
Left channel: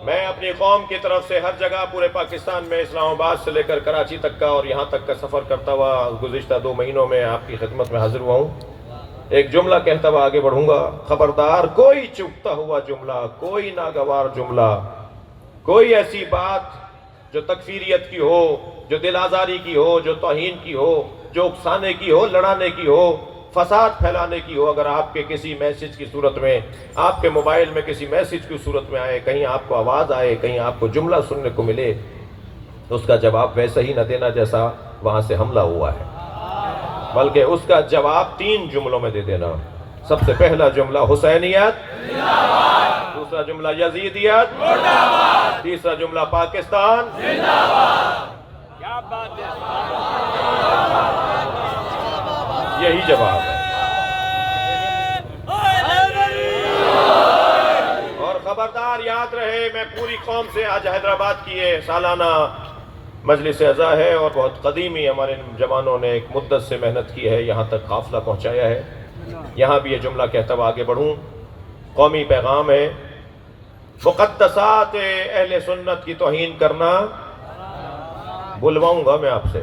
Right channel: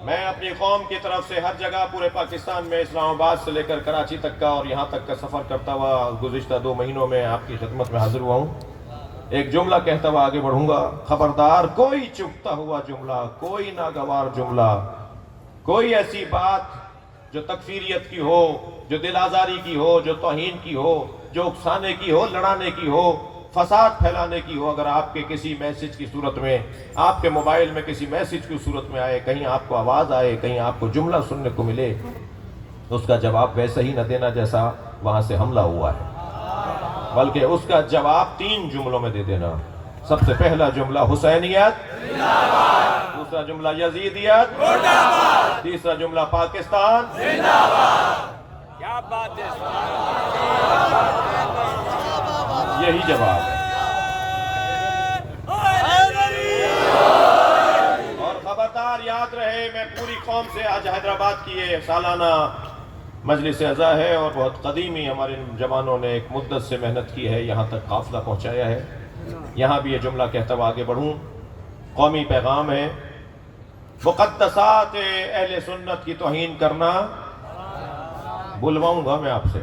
میں اپنی قوم کی طرف سے ہر جگہ پورے پاکستان میں، اسلام آباد سے لے کر کراچی تک کا اور یہاں تک کا سفر کرتا ہوا گزشتہ 2 مہینوں میں آپ کی خدمت میں حاضر ہوا ہوں۔ ایک جملہ کہتا ہوا آگے بڑھوں گا، خبردار کوئی چپتا ہوا جملہ، کوئی ناگوار جملہ، کوئی ایسی بات جو تکفیریت کی ہو، جو دل آزاری کی ہو، جو توہین کی ہو، جو اکسانے کی ہو، لڑانے کی ہو، فساد پھیلانے کی ہو، اگر آپ کے کسی میسج کی صورت میں، آپ کے موبائل میں کسی میسج کی صورت میں آئے، کہیں آپ کو آواز آئے، کہیں آپ کو جملہ سننے کو ملے، تو اس کا جواب ویسا ہی نہ دینا جیسا وہاں سے حملہ ہوا ہے، بلکہ اس کا جواب 3 جملوں میں دے دینا۔ سب سے پہلا جملہ حسینیت، دوسرا جملہ یزیدیت، تیسرا جملہ پاکستان۔ یہی جواب ہے۔ اور خبردار یاد رہے، میں پوری قوم سے آج حیدرآباد کی یہ سالانہ مجلس اعزا ہے اور بہت قدیمی ہمارے جوانوں نے ایک مدت سے محنت کی ہے، یہاں تک قافلہ پہنچایا ہے۔ یہاں بھی یہ جملہ کہتا ہوا آگے بڑھوں، قومی پیغام ہے، مقدسات اہل سنت کی توہین کرنا، بلواؤں گا میں آپ سے،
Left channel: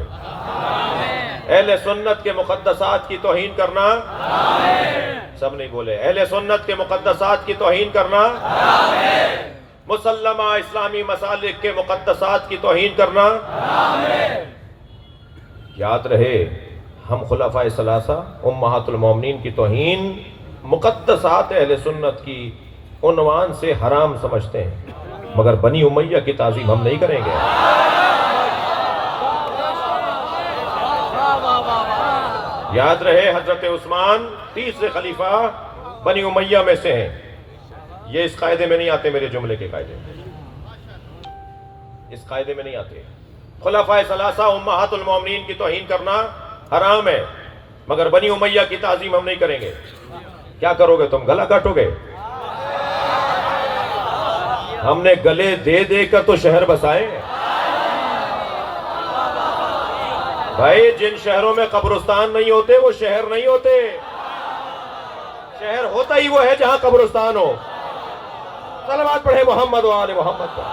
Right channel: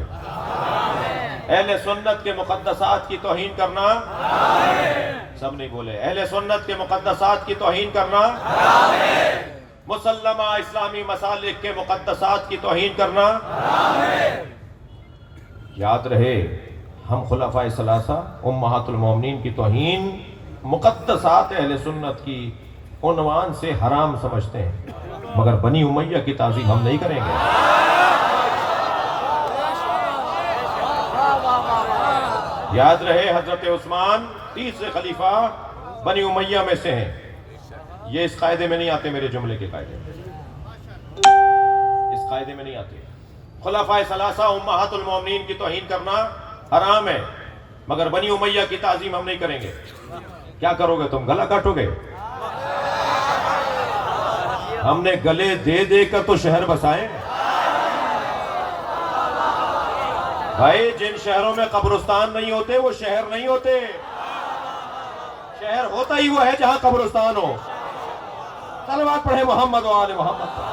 اہل سنت کے مقدسات کی توہین کرنا، سب نہیں بولے، اہل سنت کے مقدسات کی توہین کرنا، مسلمہ اسلامی مسالک کے مقدسات کی توہین کرنا۔ یاد رہے، ہم خلفائے ثلاثہ امہات المومنین کی توہین مقدسات اہل سنت کی عنوان سے حرام سمجھتے ہیں، مگر بنی امیہ کی تعظیم ہم نہیں کریں گے۔ یاد رہے، حضرت عثمان 30 خلیفہ بنی امیہ میں سے ہیں، یہ اس قاعدے میں نہیں آتے، میرے جملے کے قاعدے میں، اس قاعدے میں نہیں آتے۔ خلفائے ثلاثہ امہات المومنین کی توہین کرنا حرام ہے، مگر بنی امیہ کی تعظیم ہم نہیں کریں گے۔ کیا کرو گے تم؟ گلا کاٹو گے؟ ہم نے گلے دے دے کر تو شہر بسائے ہیں بھائی۔ جن شہروں میں قبرستان نہیں ہوتے وہ شہر نہیں ہوتے، شہر ہوتا ہی وہ ہے جہاں قبرستان ہو۔ صلوات پڑھیں محمد و آل محمد پر۔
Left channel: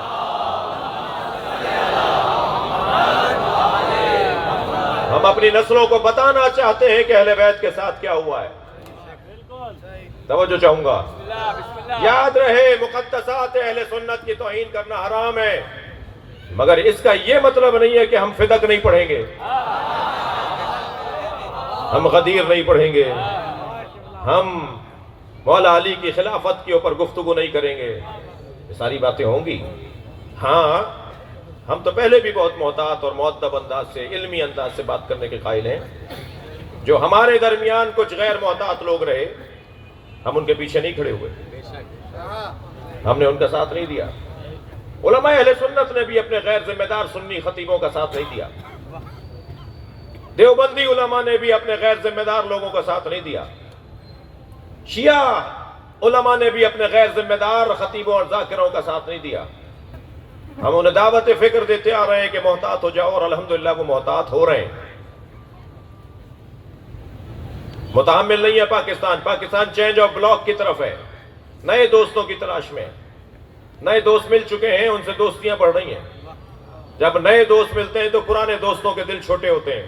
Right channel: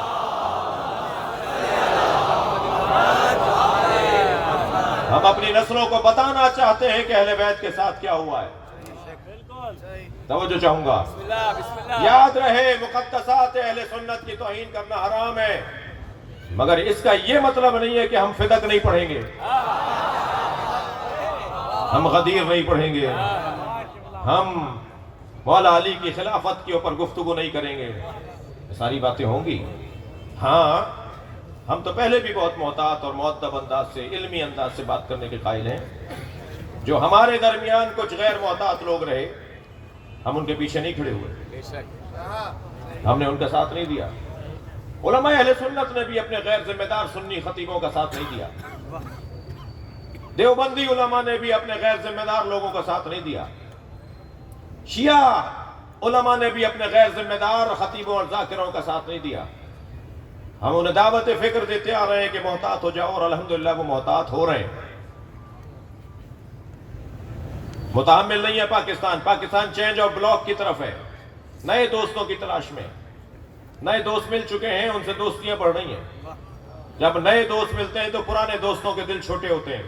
ہم اپنی نسلوں کو بتانا چاہتے ہیں کہ اہل بیت کے ساتھ کیا ہوا ہے۔ توجہ چاہوں گا، یاد رہے، مقدسات اہل سنت کی توہین کرنا حرام ہے، مگر اس کا یہ مطلب نہیں ہے کہ ہم فدق نہیں پڑھیں گے، ہم غدیر نہیں پڑھیں گے، ہم مولا علی کی خلافت کے اوپر گفتگو نہیں کریں گے۔ یہ ساری باتیں ہوں گی۔ ہاں، ہم تو پہلے بھی بہت محتاط اور مؤدب انداز سے، علمی انداز سے بات کرنے کے قائل ہیں۔ جو ہمارے درمیان کچھ غیر محتاط لوگ رہے، ہم ان کے پیچھے نہیں کھڑے ہوئے۔ ہم نے ان کا ساتھ نہیں دیا. علماء اہل سنت نے بھی اپنے غیر ذمہ دار سنی خطیبوں کا ساتھ نہیں دیا. دیوبندی علماء نے بھی اپنے غیر ذمہ دار لوگوں کا ساتھ نہیں دیا. شیعہ علماء نے بھی اپنے غیر ذمہ دار خطیبوں اور ذاکروں کا ساتھ نہیں دیا. ہم انہیں دعوت فکر دیتے آ رہے ہیں کہ محتاط ہو جاؤ، اور الحمدللہ وہ محتاط ہو رہے ہیں. متحمل نہیں ہے پاکستان چینج آف بلاک کی طرف ہے، نئے دوستوں کی تلاش میں. نئے دوست مل چکے ہیں، ان سے دوستیاں بڑھ رہی ہیں. جب نئے دوست ملتے ہیں تو پرانے دوستوں کے دل چھوٹے ہوتے ہیں.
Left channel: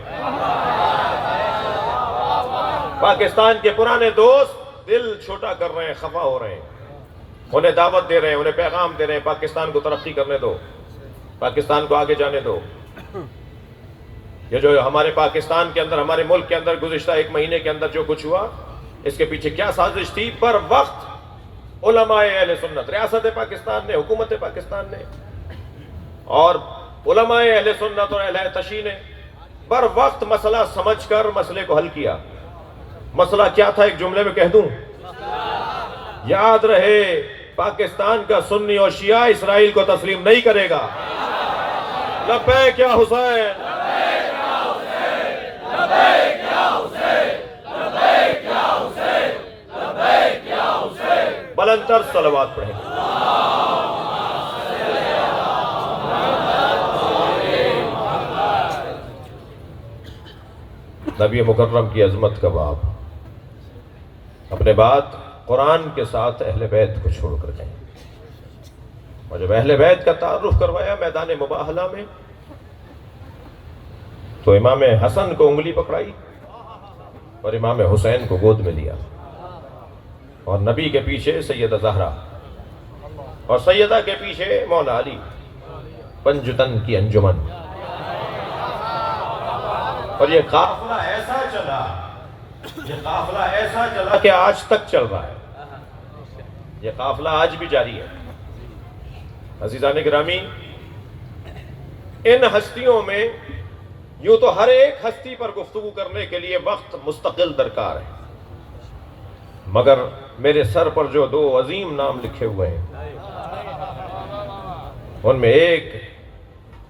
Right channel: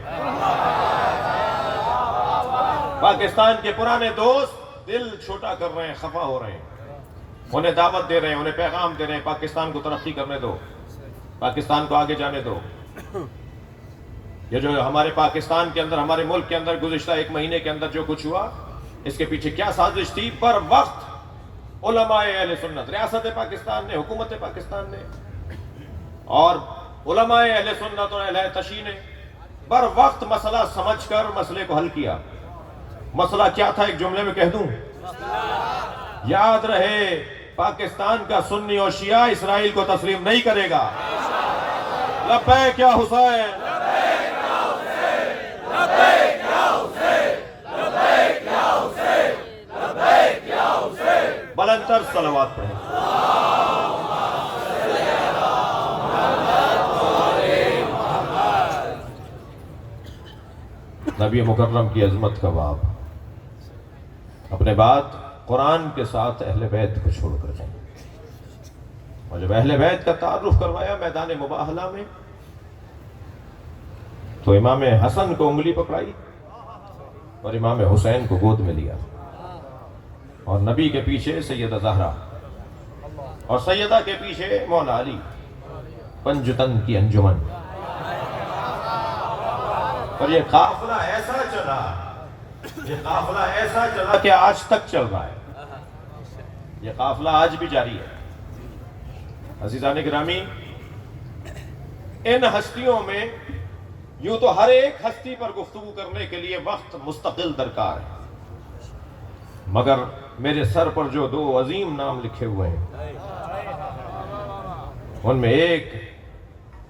پاکستان کے پرانے دوست دل چھوٹا کر رہے ہیں، خفا ہو رہے ہیں. انہیں دعوت دے رہے ہیں، انہیں پیغام دے رہے ہیں، پاکستان کو ترقی کرنے دو، پاکستان کو آگے جانے دو. یہ جو ہمارے پاکستان کے اندر، ہمارے ملک کے اندر گزشتہ ایک مہینے کے اندر جو کچھ ہوا، اس کے پیچھے کیا سازش تھی؟ پر وقت علماء اہل سنت، ریاست پاکستان نے، حکومت پاکستان نے اور علماء اہل سنت اور اہل تشیع نے پر وقت مسئلہ سمجھ کر مسئلے کو حل کیا. مسئلہ کیا تھا؟ ایک جملے میں کہہ دوں، یاد رہے پاکستان کا سنی اور شیعہ اسرائیل کو تسلیم نہیں کرے گا. لبیک یا حسین، بلندتر صلوات پڑھیں. نبی مکرم کی عظمت کا باب. اپنے بعد قرآن کے ساتھ اہل بیت کو چھوڑ کر جائیں. اور جب اہل بیت کا تعارف کروایا میدان مباہلہ میں، تو امام حسن کو انگلی پکڑائی اور امام حسین کو گود میں لیا، اور نبی کے پیچھے سیدہ زہرا، اور سیدہ کے پیچھے مولا علی. پنجتن کی انجمن. اور یہ قافلہ ایسا چلا، یہ قافلہ ایسا چلا کہ آج تک چل رہا ہے. یہ قافلہ آج بھی جاری ہے. عزیزان گرامی، ان ہستیوں میں یوں تو ہر ایک ہستی پر گفتگو کرنے کے لیے وقت مستقل درکار ہے، مگر میرے سر پر جو دو عظیم نام لکھے ہوئے ہیں، ان میں ایک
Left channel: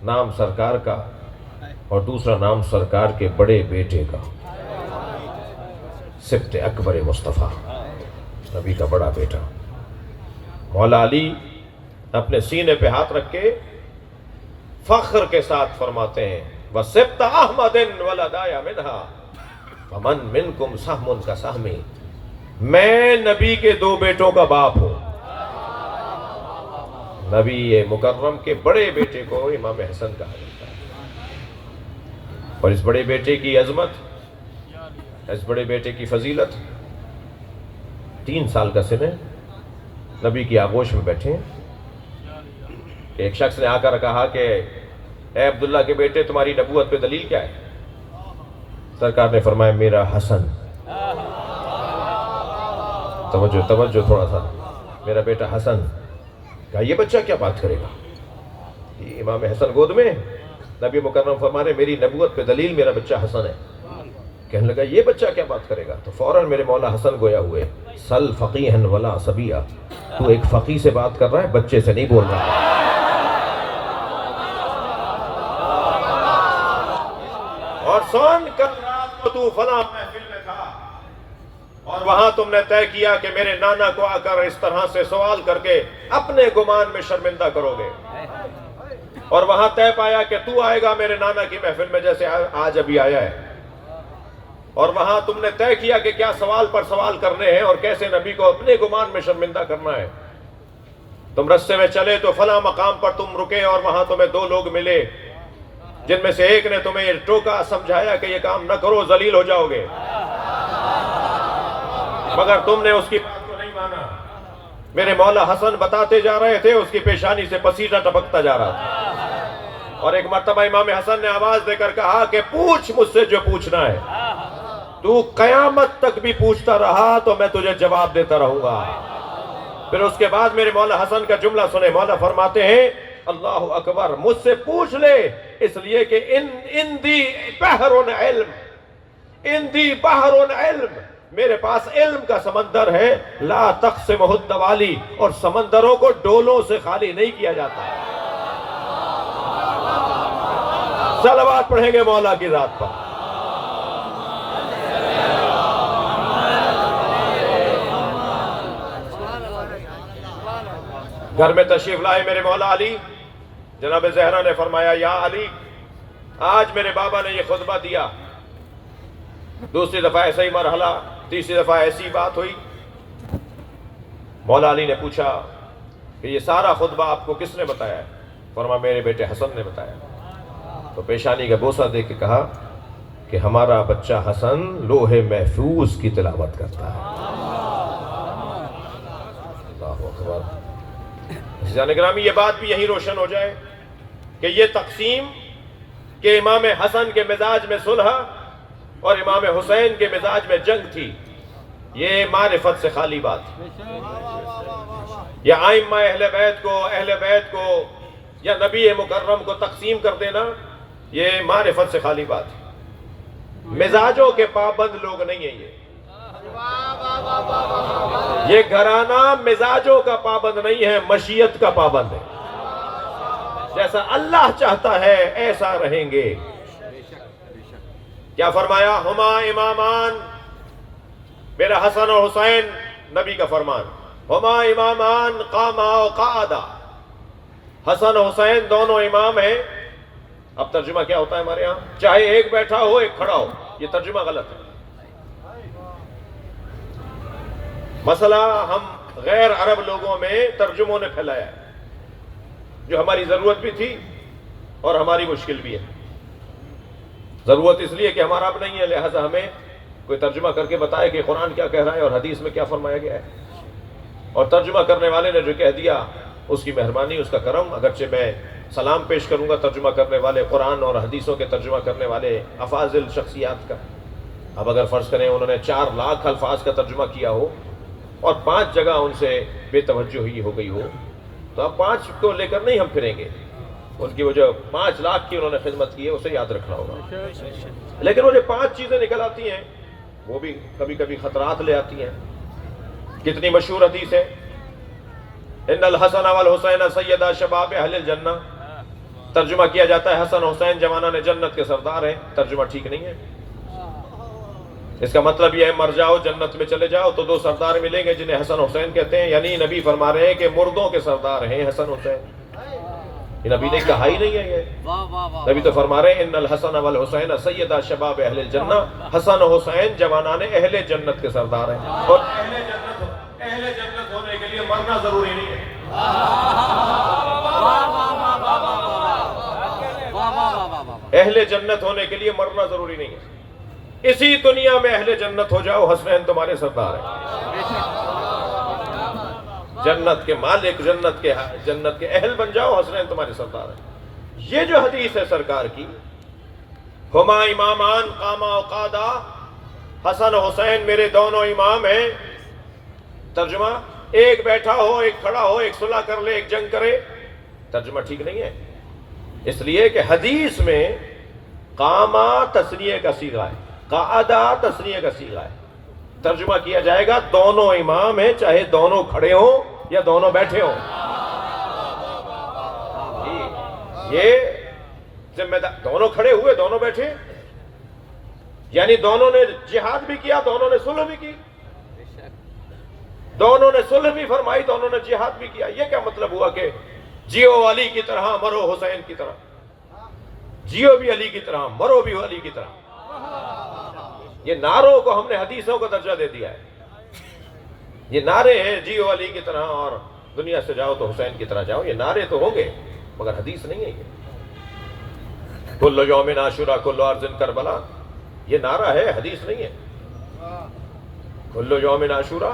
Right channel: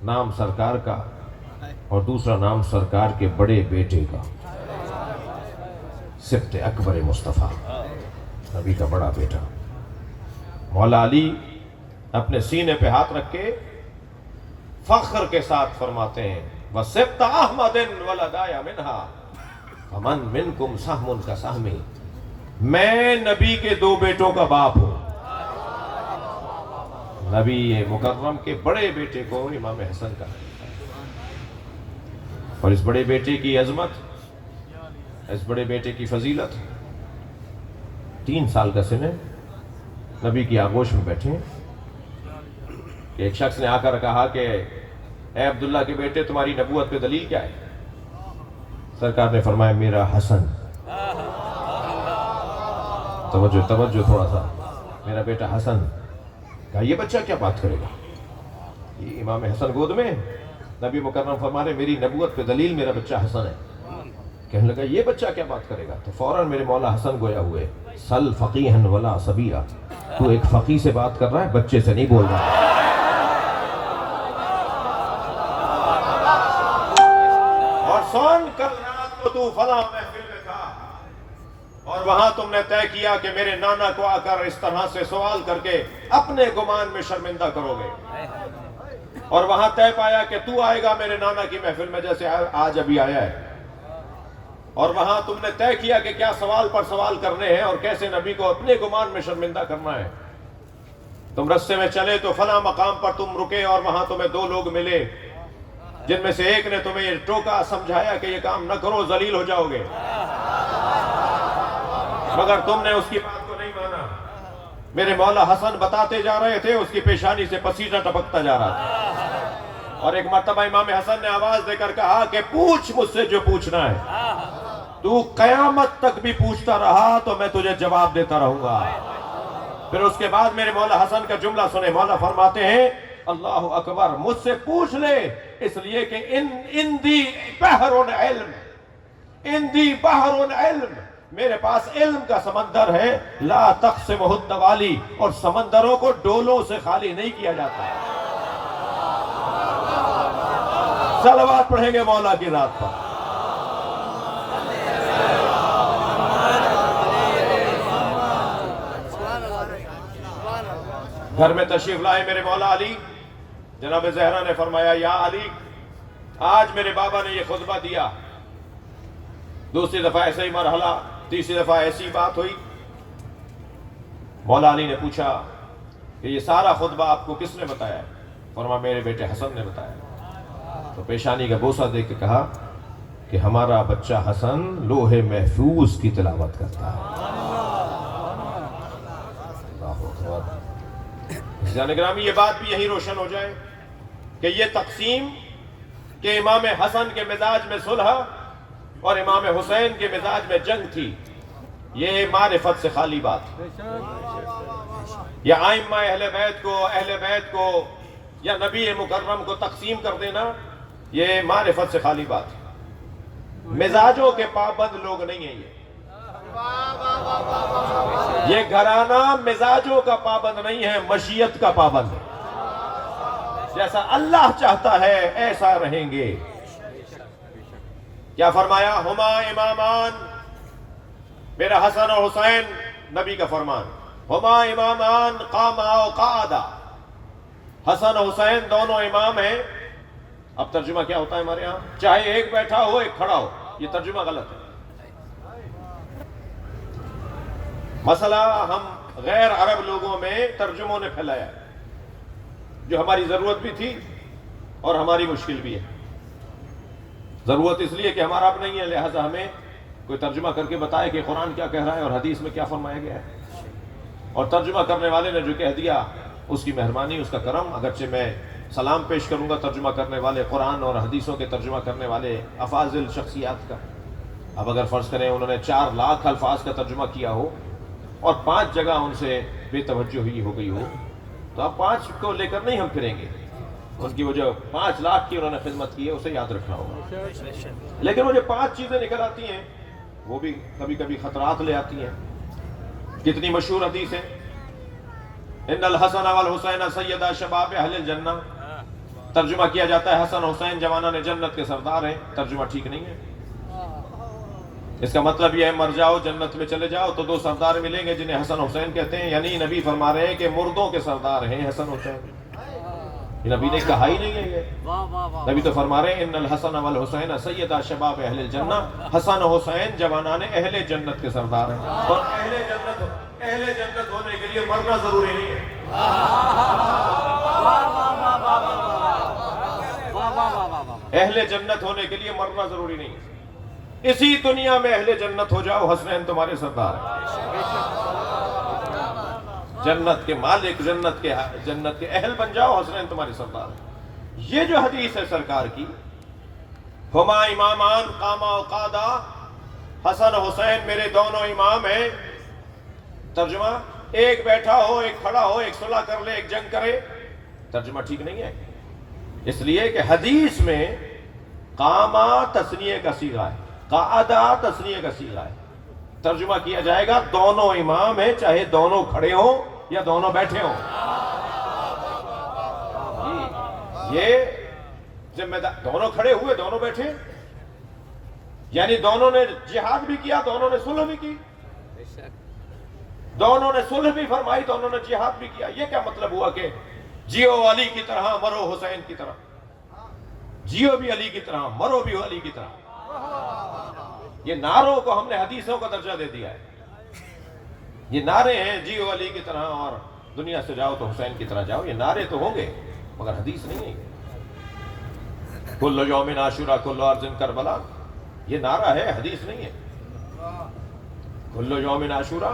نام سرکار کا اور دوسرا نام سرکار کے بڑے بیٹے کا، سبط اکبر مصطفیٰ، نبی کا بڑا بیٹا. مولا علی اپنے سینے پہ ہاتھ رکھ کے فخر کے ساتھ فرماتے ہیں، وَسِبْطَ أَحْمَدٍ وَلَدَايَ مِنْهَا فَمَنْ مِنْكُمْ سَحْمٌ كَسَحْمِي. میں نبی کے دو بیٹوں کا باپ ہوں. نبی مکرم کے بڑے بیٹے کو امام حسن کہا جاتا ہے. اور اس بڑے بیٹے کی عظمت، اس بڑے بیٹے کی فضیلت، 3 سال کا سن ہے، نبی کی آغوش میں بیٹھے کہ ایک شخص نے آ کر کہا کہ اے عبداللہ کے بیٹے، تمہاری نبوت پہ دلیل کیا ہے؟ سرکار نے فرمایا، میرا حسن. توجہ تھوڑا سا. میرا بیٹا حسن. کہا یہ بچہ کیا بات کرے گا؟ یہ امام حسن گود میں. نبی مکرم فرما رہے میری نبوت پہ دلیل میرا بچہ حسن ہے. کہنے لگا یہ بچہ کیا بات کرے گا؟ تو فوراً میرے مولا حسن گویا ہوئے، سل فقیہن ولا صبیہ. تو ایک فقیہ سے بات کر رہا ہے، بچے سے نہیں بول رہا. اور سن کل رات کو تو فلاں محفل میں تھا، اور وہاں تم نے طے کیا کہ میرے نانا کو آ کر اس طرح سے سوال کر کے اپنے گمان میں شرمندہ کرو گے، اور وہاں طے پایا کہ تو آئے گا میرے نانا کی محفل میں جیسے آج ابھی آیا ہے، اور وہاں تم نے طے کیا کہ کیا سوال پر سوال کرنے ہیں اور کیسے نبی کو اپنے گمان میں شرمندہ کرنا ہے. تم رستے میں چلے تو فلاں مقام پر تم رکے، اور وہاں تمہیں 2 لوگ ملے جن میں سے ایک نے تمہیں یہ ٹوکا، سمجھایا کہ یہ کام نہ کرو، ذلیل ہو جاؤ گے، مگر تم نے اس کی بات کو نہیں مانا. میرے مولا حسن بتاتے جا رہے تھے، اس کی پیشانی سے پسینہ ٹپکتا جا رہا تھا. اور ایک مرتبہ امام حسن نے آواز دے کر کہا کہ پوچھ مجھ سے جو پوچھنا ہے، تو قیامت تک بھی پوچھتا رہا تو میں تجھے جواب دیتا رہوں گا. پھر اس کے بعد میرے مولا حسن کا جملہ سنے. مولا فرماتے ہیں، اللہ اکبر، مجھ سے پوچھ لے، اس لیے کہ ان دی بحر علم، ان دی بحر علم، میرے پاس علم کا سمندر ہے، لا تقسمہ الدوالی، اور سمندروں کو ڈولوں سے خالی نہیں کیا جاتا۔ صلوات پڑھیں گے مولا کی ذات پر۔ گھر میں تشریف لائے میرے مولا علی، جناب زہرا نے فرمایا یا علی آج میرے بابا نے یہ خطبہ دیا، دوسری دفعہ ایسا ہی مرحلہ، تیسری دفعہ ایسی بات ہوئی۔ مولا علی نے پوچھا کہ یہ سارا خطبہ آپ کو کس نے بتایا ہے؟ فرمایا میرے بیٹے حسن نے بتایا۔ تو پیشانی کا بوسہ دے کے کہا کہ ہمارا بچہ حسن لوح محفوظ کی تلاوت کرتا ہے۔ عزیزان گرامی، یہ بات بھی یہی روشن ہو جائے کہ یہ تقسیم کہ امام حسن کے مزاج میں صلح اور امام حسین کے مزاج میں جنگ تھی، یہ معرفت سے خالی بات ہے۔ یا ائمہ اہل بیت کو یا نبی مکرم کو تقسیم کر دینا، یہ معرفت سے خالی بات ہے۔ مزاجوں کے پابند لوگ نہیں ہیں یہ گھرانہ مزاجوں کا پابند نہیں ہے، مشیت کا پابند ہے۔ جیسا اللہ چاہتا ہے ایسا رہیں گے۔ کیا فرمایا؟ ہما امامان، میرا حسن اور حسین، نبی کا فرمان، ہما امامان قاما و قعدا، حسن اور حسین دونوں امام ہیں۔ اب ترجمہ کیا ہوتا ہے ہمارے یہاں؟ چاہے ایک بیٹھا ہو ایک کھڑا ہو، یہ ترجمہ غلط ہے۔ مسئلہ ہم غیر عرب لوگوں میں ترجموں نے پھیلایا ہے، جو ہماری ضرورت بھی تھی اور ہماری مشکل بھی ہے۔ ضرورت اس لیے کہ ہمارا اب نہیں ہے، لہذا ہمیں کوئی ترجمہ کر کے بتائے کہ قرآن کیا کہہ رہا ہے اور حدیث میں کیا فرمایا گیا ہے۔ اور ترجمہ کرنے والے نے جو کہہ دیا اس کی مہربانی، اس کا کرم، اگرچہ میں سلام پیش کروں گا ترجمہ کرنے والے قرآن اور حدیثوں کے ترجمہ کرنے والے افاضل شخصیات کا۔ اب اگر فرض کریں انہوں نے 4 لاکھ الفاظ کا ترجمہ کیا ہو اور 5 جگہ ان سے بے توجہی ہو گئی ہو، تو اب 5 کو لے کر نہیں ہم پھریں گے۔ ان کی وہ جو 5 لاکھ کی انہوں نے خدمت کی ہے اسے یاد رکھنا ہوگا۔ لیکن وہ جو 5 چیزیں نکل آتی ہیں وہ بھی کبھی کبھی خطرات لے آتی ہیں۔ کتنی مشہور حدیث ہے، ان الحسن والحسین سیدا شباب اہل الجنہ، ترجمہ کیا جاتا ہے حسن حسین جوانان جنت کے سردار ہیں۔ ترجمہ ٹھیک نہیں ہے۔ اس کا مطلب یہ ہے مر جاؤ جنت میں چلے جاؤ تو 2 سردار ملیں گے جنہیں حسن حسین کہتے ہیں، یعنی نبی فرما رہے ہیں کہ مردوں کے سردار ہیں حسن حسین۔ یہ نبی نے کہا ہی نہیں ہے، یہ نبی تو فرما رہے ہیں ان الحسن والحسین سیدا شباب اہل الجنہ، حسن حسین جوانان اہل جنت کے سردار ہیں۔ اور اہل جنت ہونے کے لیے مرنا ضروری نہیں ہے۔ اہل جنت ہونے کے لیے مرنا ضروری نہیں ہے۔ اسی دنیا میں اہل جنت ہو جاؤ، حسنین تمہارے سردار ہیں۔ جنت کے مالک، جنت کے اہل بن جاؤ، حسنین تمہارے سردار ہیں۔ یہ جو حدیث ہے سرکار کی، ہما امامان قاما و قادا، حسن و حسین میرے دونوں امام ہیں۔ ترجمہ ایک بیٹھا ہو ایک کھڑا ہو، ایک صلح کر لے ایک جنگ کرے، ترجمہ ٹھیک نہیں ہے۔ اس لیے کہ حدیث میں قاما تثنیہ کا صیغہ ہے، قعدہ تثنیہ کا صیغہ ہے۔ ترجمہ کیا جائے گا دونوں امام ہیں، چاہے دونوں کھڑے ہوں یا دونوں بیٹھے ہوں۔ یہ ذمہ دار، دونوں کھڑے ہوئے دونوں بیٹھے، یعنی دونوں نے جہاد بھی کیا، دونوں نے صلح بھی کی، دونوں نے صلح بھی فرمائی، دونوں نے جہاد بھی کیا۔ یہ کیا مطلب ہوا کہ جیو علی کی طرح مرو حسین کی طرح، جیو بھی علی کی طرح مرو بھی علی کی طرح؟ یہ نعروں کو ہم نے حدیثوں کا درجہ دے دیا ہے۔ یہ نعرے ہیں جیو علی کی طرح اور دنیا سے جاؤ تو حسین کی طرح جاؤ، یہ نعرے تو ہوں گے مگر حدیث نہیں ہے۔ کل یوم عاشورہ کل ارض کربلا، یہ نعرہ ہے، حدیث نہیں ہے۔ کل یوم عاشورہ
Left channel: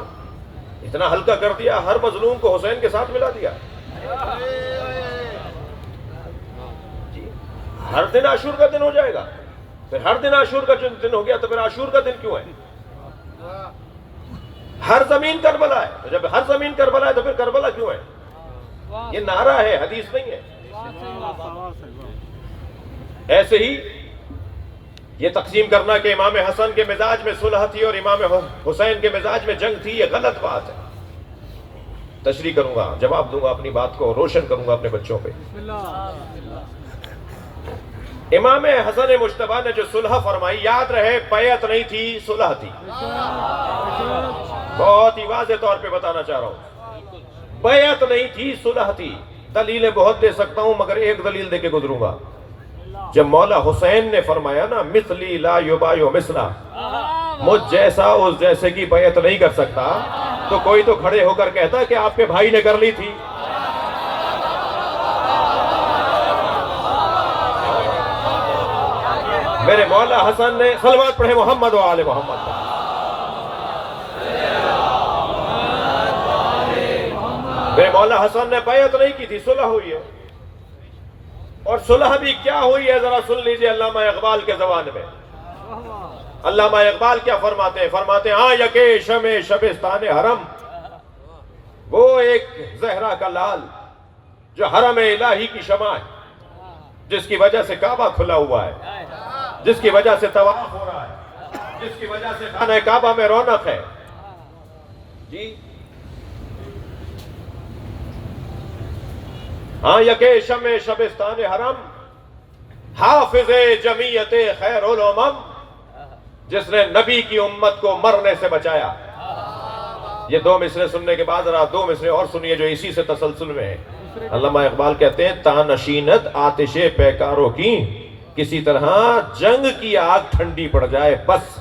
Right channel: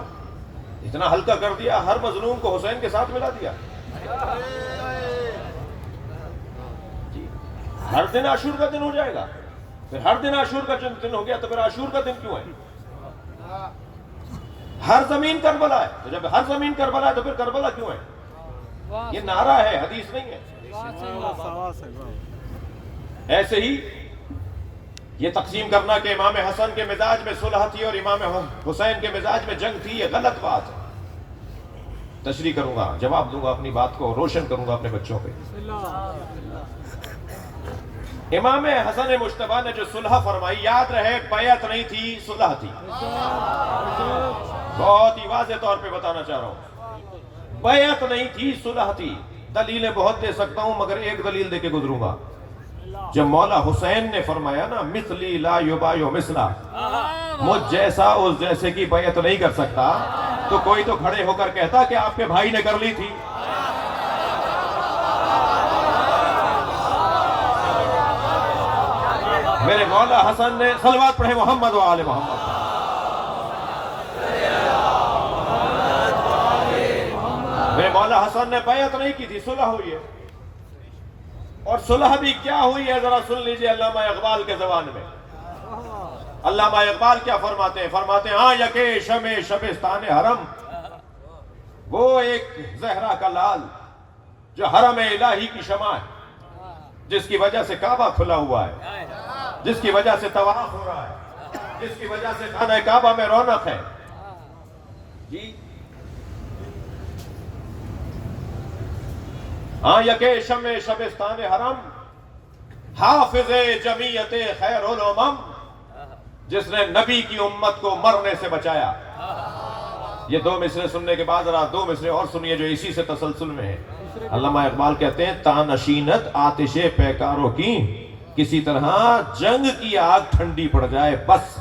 اتنا ہلکا کر دیا، ہر مظلوم کو حسین کے ساتھ ملا دیا۔ جی ہر دن عاشور کا دن ہو جائے گا، پھر ہر دن عاشور کا دن ہو گیا تو پھر عاشور کا دن کیوں ہے؟ ہر زمین کربلا ہے، تو جب ہر زمین کربلا ہے تو پھر کربلا کیوں ہے؟ یہ نعرہ ہے، حدیث نہیں ہے۔ ایسے ہی یہ تقسیم کرنا کہ امام حسن کے مزاج میں صلح تھی اور امام حسین کے مزاج میں جنگ تھی، یہ غلط بات ہے. تشریح کروں گا، جواب دوں گا، اپنی بات کو روشن کروں گا اپنے بچوں پہ. امام حسن مجتبیٰ نے جو صلح فرمائی، یاد رہے بیعت نہیں تھی، صلح تھی. بہت ہی واضح طور پہ بتانا چاہ رہا ہوں، بیعت نہیں تھی، صلح تھی. دلیلیں بہت دے سکتا ہوں مگر ایک دلیل دے کے گزروں گا. جب مولا حسین نے فرمایا نا مثلی لا یبایع مثلا، مجھ جیسا اس جیسے کی بیعت نہیں کر سکتا، تو کوئی تو کھڑے ہو کر کہتا کہ آپ کے بھائی نے کر لی تھی. میرے مولا حسن نے، صلوات پڑھے محمد و آل محمد. میرے مولا حسن نے بیعت نہیں کی تھی، صلح ہوئی ہے. اور صلح بھی کیا ہوئی ہے ذرا سن لیجئے علامہ اقبال کے زبان میں. علامہ اقبال کیا فرماتے ہیں؟ فرماتے ہیں ہاں یکے شمع شبستان حرم، وہ ایک زہرا کا لال جو حرم الہی کی شمع ہے، جس کی وجہ سے کعبہ کھلا ہوا ہے، جس کی وجہ سے طواف ہو رہا ہے، جس کی وجہ سے خانہ کعبہ میں رونق ہے. جی ہاں یکے شمع شبستان حرم، حافظ جمیعت خیر الامم، جس نے نبی کی امت کو مرنے سے بچایا. یہ دو مصرے سننے کے بعد ذرا دو مصرے اور سنیے جو اسی سے تسلسل میں ہے. علامہ اقبال کہتے ہیں تانشینت آتش پیکاروں کی، کسی طرح جنگ کی آگ ٹھنڈی پڑ جائے بس،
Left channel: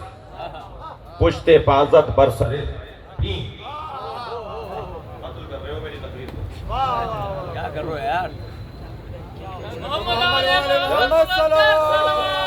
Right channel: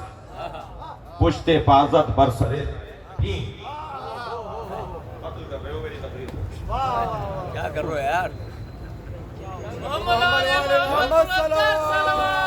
پشتے پازت برسرے. قتل کر رہے ہو میری تقریر کو، کیا کر رہے ہو یار؟ محمد علی محمد بلندر صلوات.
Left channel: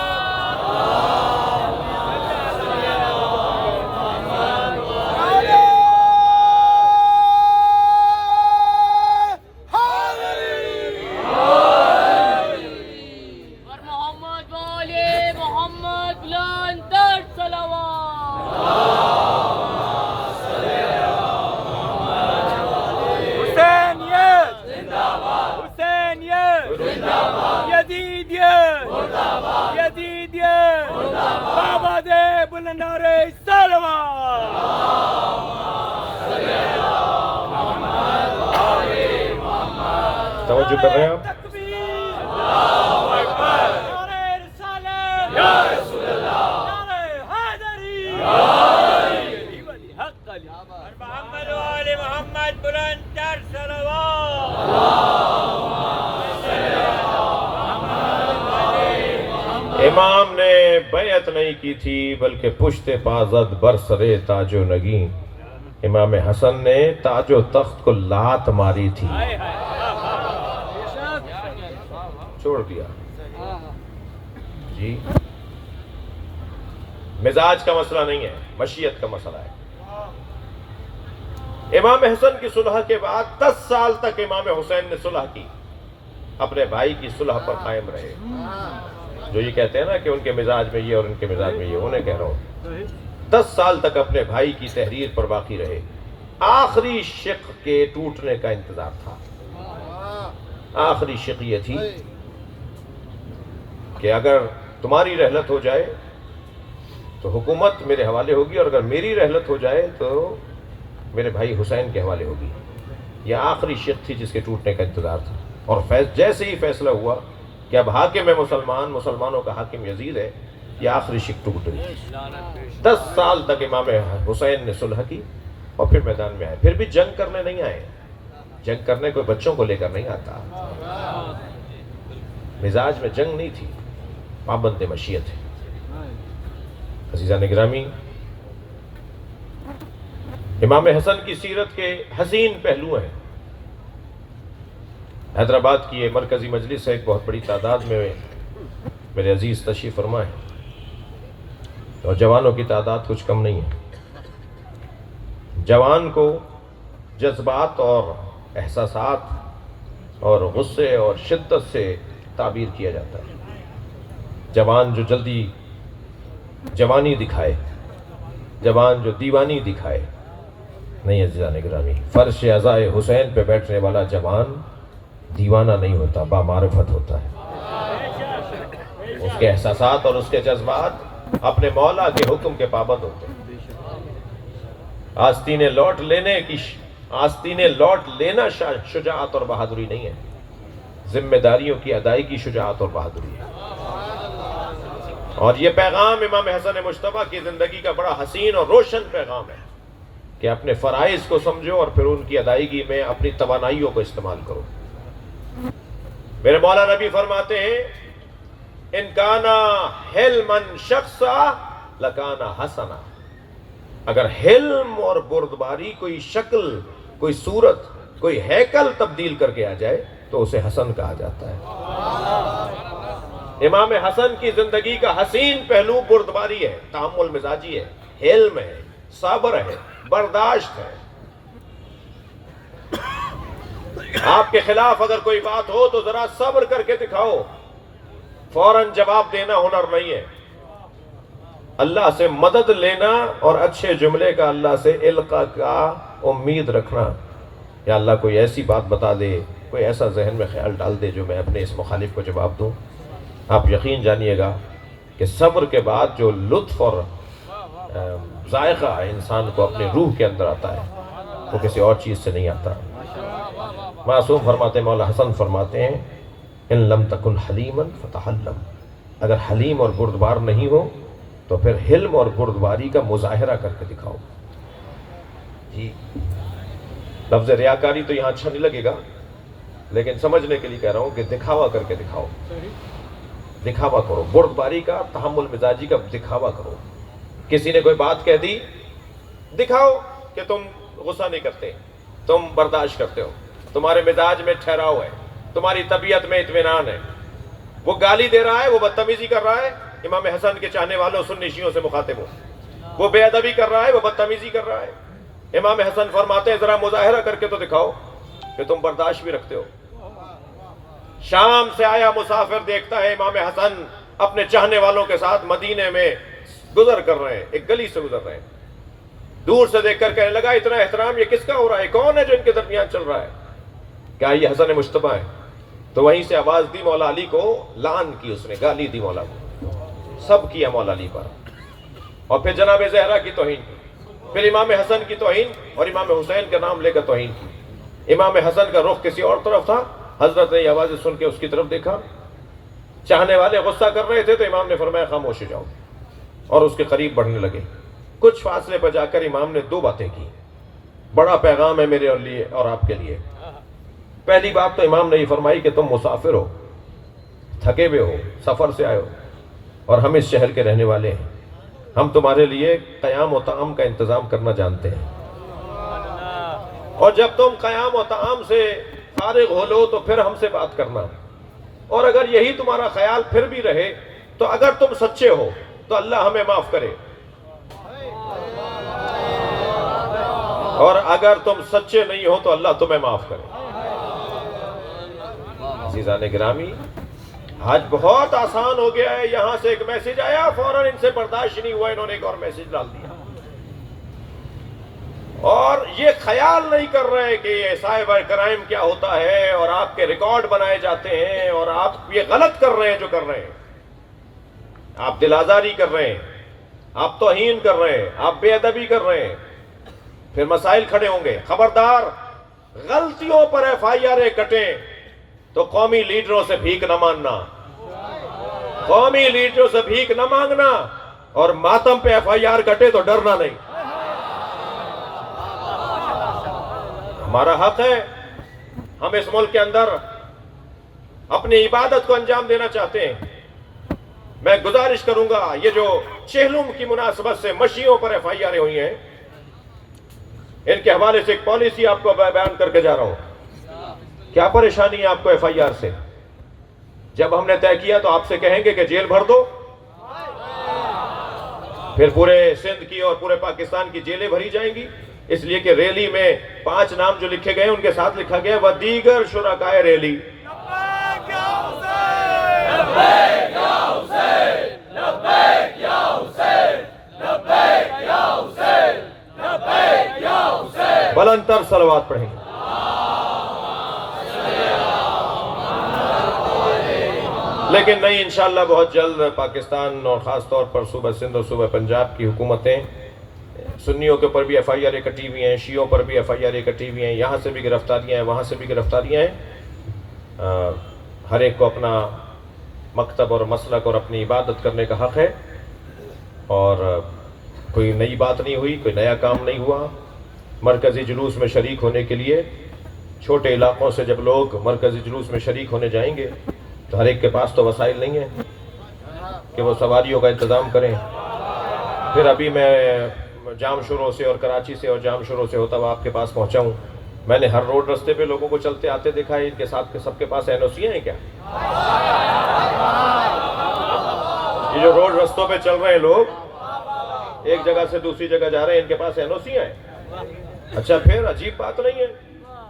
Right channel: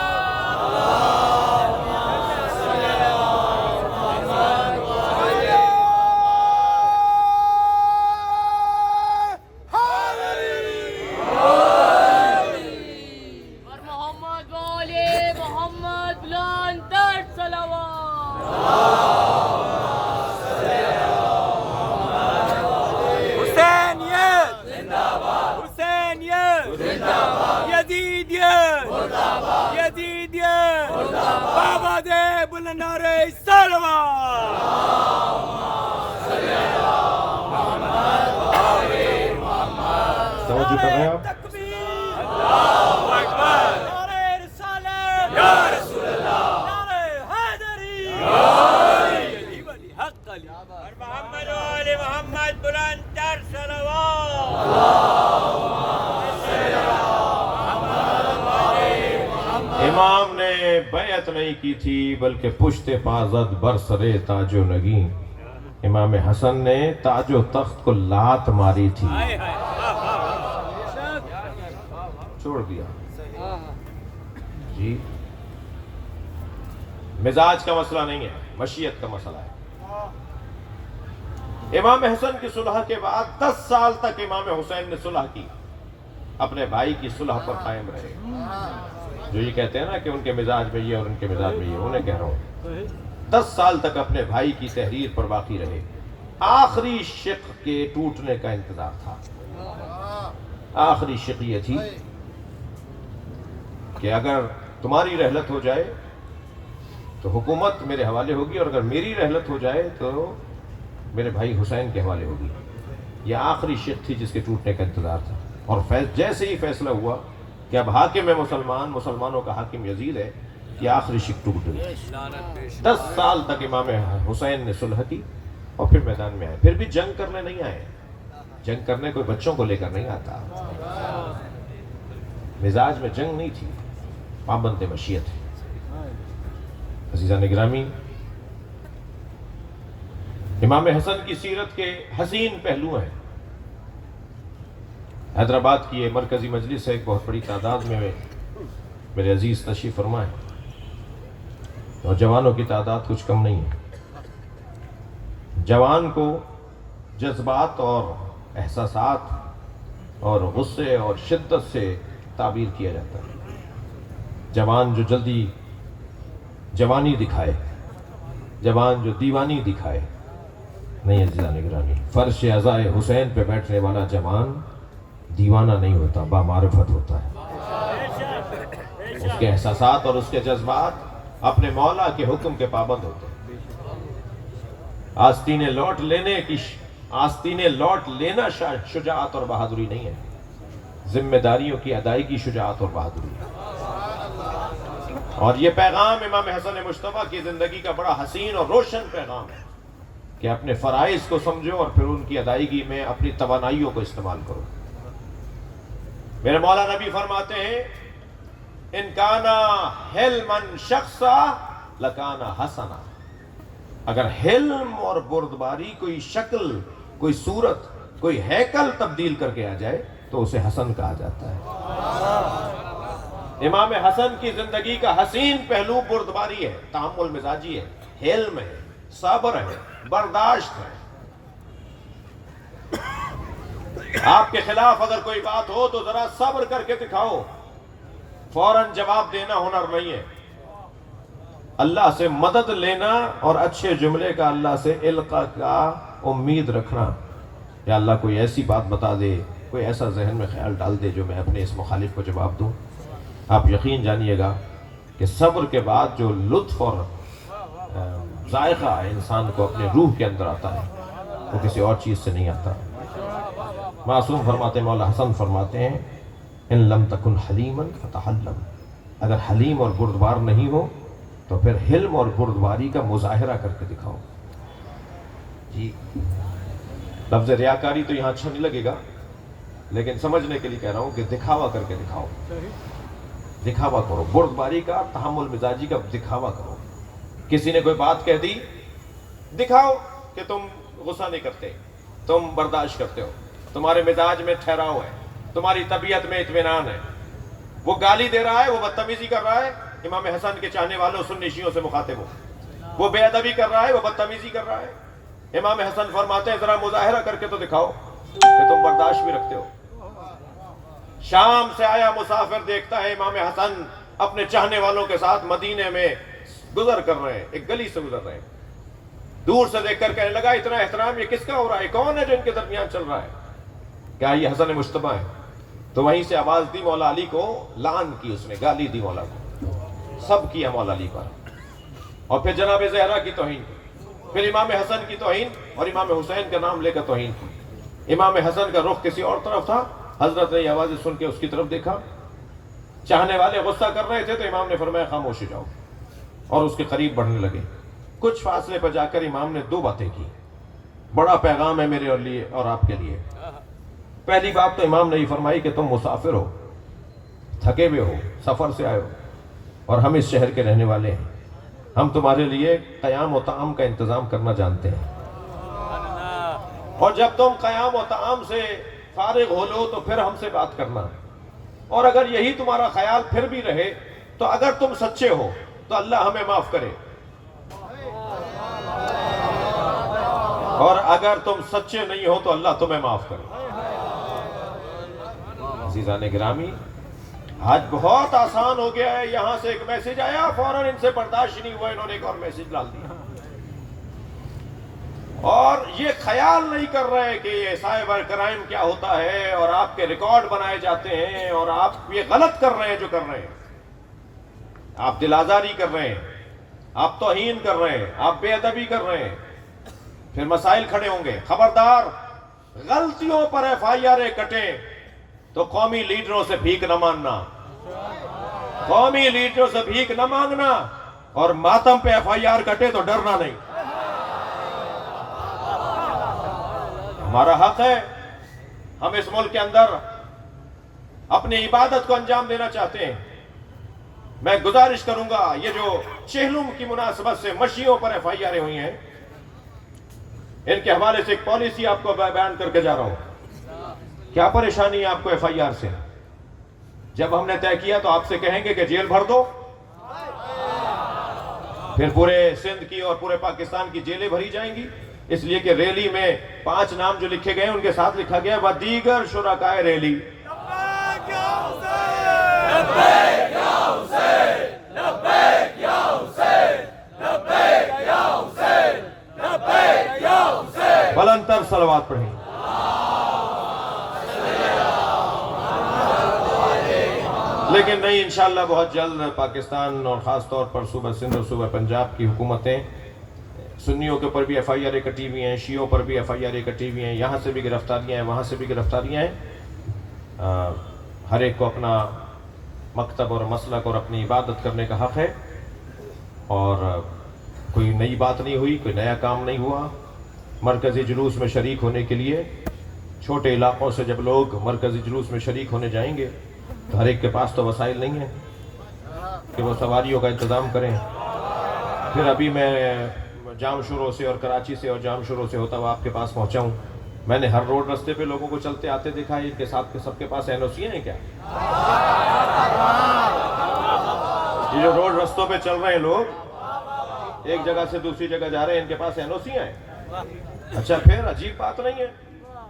بابا دے بلندارے سلوات. توجہ کر رہے ہیں آپ؟ محمد وآل محمد بلندر صلوات. امام نے بیعت نہیں کی تھی بلکہ پشت پازد برسرے تاج و نگین. امام حسن نے تاج و تخت کو لات ماری تھی، چھوڑ دیا. جی مزاج کا مسئلہ نہیں ہے، مشیت کا مسئلہ ہے. امام حسن کی صلح کے بعد 10 سال تک امام حسین نے صلح کی، اپنے بھائی کی صلح پر قائم رہے. جو یہ کہتے ہیں نا کہ ان کے مزاج میں یہ اور ان کے مزاج میں یہ، انہیں کہہ رہا ہوں 10 سال تک اپنے بھائی کی تحریر پر باقی رہے. آخری شق کے ٹوٹنے کا انتظار تھا. آخری شق یہ تھی کہ اگر تمہاری رحلت ہو جائے تو حکومت میرے حوالے ہوگی، اور اگر میری رحلت ہو جائے تو میرے بھائی حسین کے حوالے ہوگی. یہ آخری شق تھی جس کے ٹوٹنے کا انتظار تھا. اور جیسے ہی فیصلہ ہوا کہ اب حاکم ہے مسلمانوں کا حاکم یزید ہے، یہ آخری شق ٹوٹ گئی. 10 سال تک امام حسین نے صلح کی اور پھر میدان میں آئے. پھر بھی جنگ کرنے نہیں آئے. جنگ کرنے کوئی بچوں کو لے کر نہیں آتا. مزاج میں جنگ نہیں تھی، پابند مشیت ہے. عزیزان گرامی، امام حسن کی سیرت کے حسین پہلو ہیں. حیدرآباد کی یہ مرکزی مجلس ہے، ایک بہت بڑی تعداد میں میرے عزیز تشریف فرما ہے، اور جوانوں کی تعداد کچھ کم نہیں ہے. جوان کو جذبات اور احساسات اور غصے اور شدت سے تعبیر کیا جاتا ہے. جوان جو جلدی جوانی دکھائے، جوان جو دیوانی دکھائے نہیں. عزیزان گرامی، فرش عزائے حسین پہ بیٹھنے والا جوان دیوانہ نہیں ہوتا، بامعرفت ہوتا ہے۔ اس کے احساسات اور اس کے جذبات اپنے مولا کے حکم کے پابند ہوتے ہیں۔ آستینیں لوٹ لینا شجاعت اور بہادری نہیں ہے، ذمہ داریوں کی ادائیگی شجاعت اور بہادری ہے۔ اور یہ پیغام امام حسن مجتبیٰ کی زندگی کا بڑا حسین اور روشن پیغام ہے کہ اپنے فرائض کو سمجھو اور پھر ان کی ادائیگی میں اپنی توانائیوں کو استعمال کرو۔ میرے مولا نبی فرماتے ہیں ان کانا حلمن شخصا لکانا حسنا، اگر حلم اور بردباری کوئی شکل، کوئی صورت، کوئی ہیکل تبدیل کر کے آ جائے تو اسے حسن کہا جاتا ہے۔ امام حسن کی زندگی کا حسین پہلو بردباری ہے، تحمل مزاجی ہے، حلم ہے، صبر ہے، برداشت ہے۔ آپ کے خلاف اگر کوئی بات ہو تو ذرا صبر کر کے دکھاؤ، فوراً جواب دینا ہنر نہیں ہے۔ اللہ سے مدد لینا اور اچھے جملے کا اللہ سے القاء کا امید رکھنا، یا اللہ کوئی ایسی بات بتا دے، کوئی ایسا ذہن میں خیال ڈال دے جو میں اپنے اس مخالف کو جواب دوں۔ آپ یقین جانیے گا کہ صبر کے بعد جو لطف اور ذائقہ انسان کو اپنے روح کے اندر آتا ہے وہ کسی اور چیز سے نہیں آتا۔ معصوم فرماتے ہیں، مولا حسن فرماتے ہیں ان لم تکن حلیما فتحلم، اگر حلیم اور بردبار نہیں ہو تو پھر حلم اور بردباری کا مظاہرہ کر کے دکھاؤ۔ جی لفظ ریاکاری تو یہاں اچھا نہیں لگے گا، لیکن سمجھنے کے لیے کہہ رہا ہوں کہ دکھاوا کر کے دکھاؤ، دکھاوا کرو، بردباری کا، تحمل مزاجی کا دکھاوا کرو۔ کسی نے کوئی بات کہہ دی، دکھاؤ کہ تم غصہ نہیں کرتے، تم برداشت کرتے ہو، تمہارے مزاج میں ٹھہراؤ ہے، تمہاری طبیعت میں اطمینان ہے۔ وہ گالی دے رہا ہے، وہ بدتمیزی کر رہا ہے، امام حسن کے چاہنے والوں سنی شیعوں سے مخاطب ہو۔ وہ بے ادبی کر رہا ہے، وہ بدتمیزی کر رہا ہے، امام حسن فرماتے ہیں ذرا مظاہرہ کر کے تو دکھاؤ کہ تم برداشت بھی رکھتے ہو۔ شام سے آیا مسافر دیکھتا ہے امام حسن اپنے چاہنے والوں کے ساتھ مدینے میں گزر کر رہے ہیں، ایک گلی سے گزر رہے ہیں۔ دور سے دیکھ کر کہنے لگا اتنا احترام یہ کس کا ہو رہا ہے، کون ہے جو ان کے درمیان چل رہا ہے؟ کیا یہ حسن مجتبیٰ ہے؟ تو وہیں سے آواز دی، مولا علی کو لعن کی، اس نے گالی دی مولا کو، سب کیا مولا علی پر، اور پھر جناب زہرا کی توہین کی، پھر امام حسن کی توہین اور امام حسین کا نام لے کر توہین کی۔ امام حسن کا رخ کسی اور طرف تھا، حضرت نے یہ آوازیں سن کے اس کی طرف دیکھا، چاہنے والے غصہ کر رہے تھے تو امام نے فرمایا خاموش ہو جاؤ، اور اس کے قریب بڑھنے لگے۔ کچھ فاصلے پر جا کر امام نے دو باتیں کی، بڑا پیغام ہے میرے لیے اور آپ کے لیے۔ پہلی بات تو امام نے یہ فرمائی کہ تم مسافر ہو، تھکے ہوئے ہو، سفر سے آئے ہو، اور ہم اس شہر کے رہنے والے ہیں، ہم تمہارے لیے قیام و طعام کا انتظام کرنا جانتے ہیں، اور جب تم قیام و طعام سے فارغ ہو لو تو پھر ہم سے بات کرنا، اور اگر یہی تمہارا خیال پھر بھی رہے تو اگر تم سچے ہو تو اللہ ہمیں معاف کرے، اور اگر تم سچے نہیں ہو تو اللہ تمہیں معاف کرے۔ عزیزان گرامی، آج بہت آسان ہو گیا ہے، یہاں سے ایک میسج آیا فوراً ان سے برداشت نہیں ہوا، انہوں نے ایک اور میسج ڈال دیا، اور یہ خیال نہیں کر رہے کہ یہ سائبر کرائم کیا ہوتا ہے، اور آپ کے ریکارڈ بنائے جاتے ہیں، اور آپ یہ غلط کر رہے ہیں جو کر رہے ہیں، آپ دل آزاری کر رہے ہیں، آپ توہین کر رہے ہیں، آپ بے ادبی کر رہے ہیں، پھر مسائل کھڑے ہوں گے۔ خبردار، غلطیوں پر ایف آئی آر کٹیں تو قومی لیڈروں سے بھیک نہ مانگنا، قومی لیڈروں سے بھیک نہ مانگنا، اور ماتم پہ ایف آئی آر کٹے تو ڈرنا نہیں۔ ہمارا حق ہے، ہم اس ملک کے اندر اپنی عبادت کو انجام دینا چاہتے ہیں۔ میں گزارش کروں گا، یہ جو چہلم کی مناسبت سے مشیوں پر ایف آئی آر ہوئی ہیں، ان کے حوالے سے ایک پالیسی آپ کو بیان کر کے جا رہا ہوں۔ کیا پریشانی ہے آپ کو ایف آئی آر سے؟ جب ہم نے طے کیا تو آپ سے کہیں گے کہ جیل بھر دو، پھر پورے سندھ کی اور پورے پاکستان کی جیلیں بھری جائیں گی، اس لیے کہ ریلی میں 5 نام جو لکھے گئے ان کے ساتھ لکھا گیا ودیگر شرکائے ریلی۔ بلند تر صلوات پڑھیں۔ لیکن نہیں، انشاءاللہ بہت جلد پاکستان اور خاص طور پر صوبہ سندھ اور صوبہ پنجاب کی حکومتیں، سنیوں کے اوپر بھی ایف آئی آر کٹی ہوئی ہیں، شیعوں پر بھی ایف آئی آر کٹی ہوئی ہیں، یہاں سے بھی گرفتاریاں ہیں، وہاں سے بھی گرفتاریاں ہیں۔ ہر ایک کو اپنا مکتب اور مسلک اور اپنی عبادت کرنے کا حق ہے، اور کوئی نئی بات نہیں ہوئی، کوئی نیا کام نہیں ہوا۔ مرکزی جلوس میں شریک ہونے کے لیے چھوٹے علاقوں سے جب لوگ مرکزی جلوس میں شریک ہونے جائیں گے تو ہر ایک کے پاس تو وسائل نہیں ہیں کہ وہ سواریوں کا انتظام کریں۔ پھر ابھی میں جام شروع سے اور کراچی سے اور جام شروع سے ہوتا ہوا آپ کے پاس پہنچا ہوں، میں نے ہر روڈ رستے پہ لوگوں کو چلتے آتے دیکھا ہے، ان کے ساتھ سب کے پاس NOC ہیں کیا؟ یہ جو روڈ رستوں پہ چل رہے ہیں لوگ، ایک جگہ سے دوسری جگہ جا رہے ہیں، ان کے پاس NOC ہیں؟ اچھا، پھر عجیب بات نہیں ہے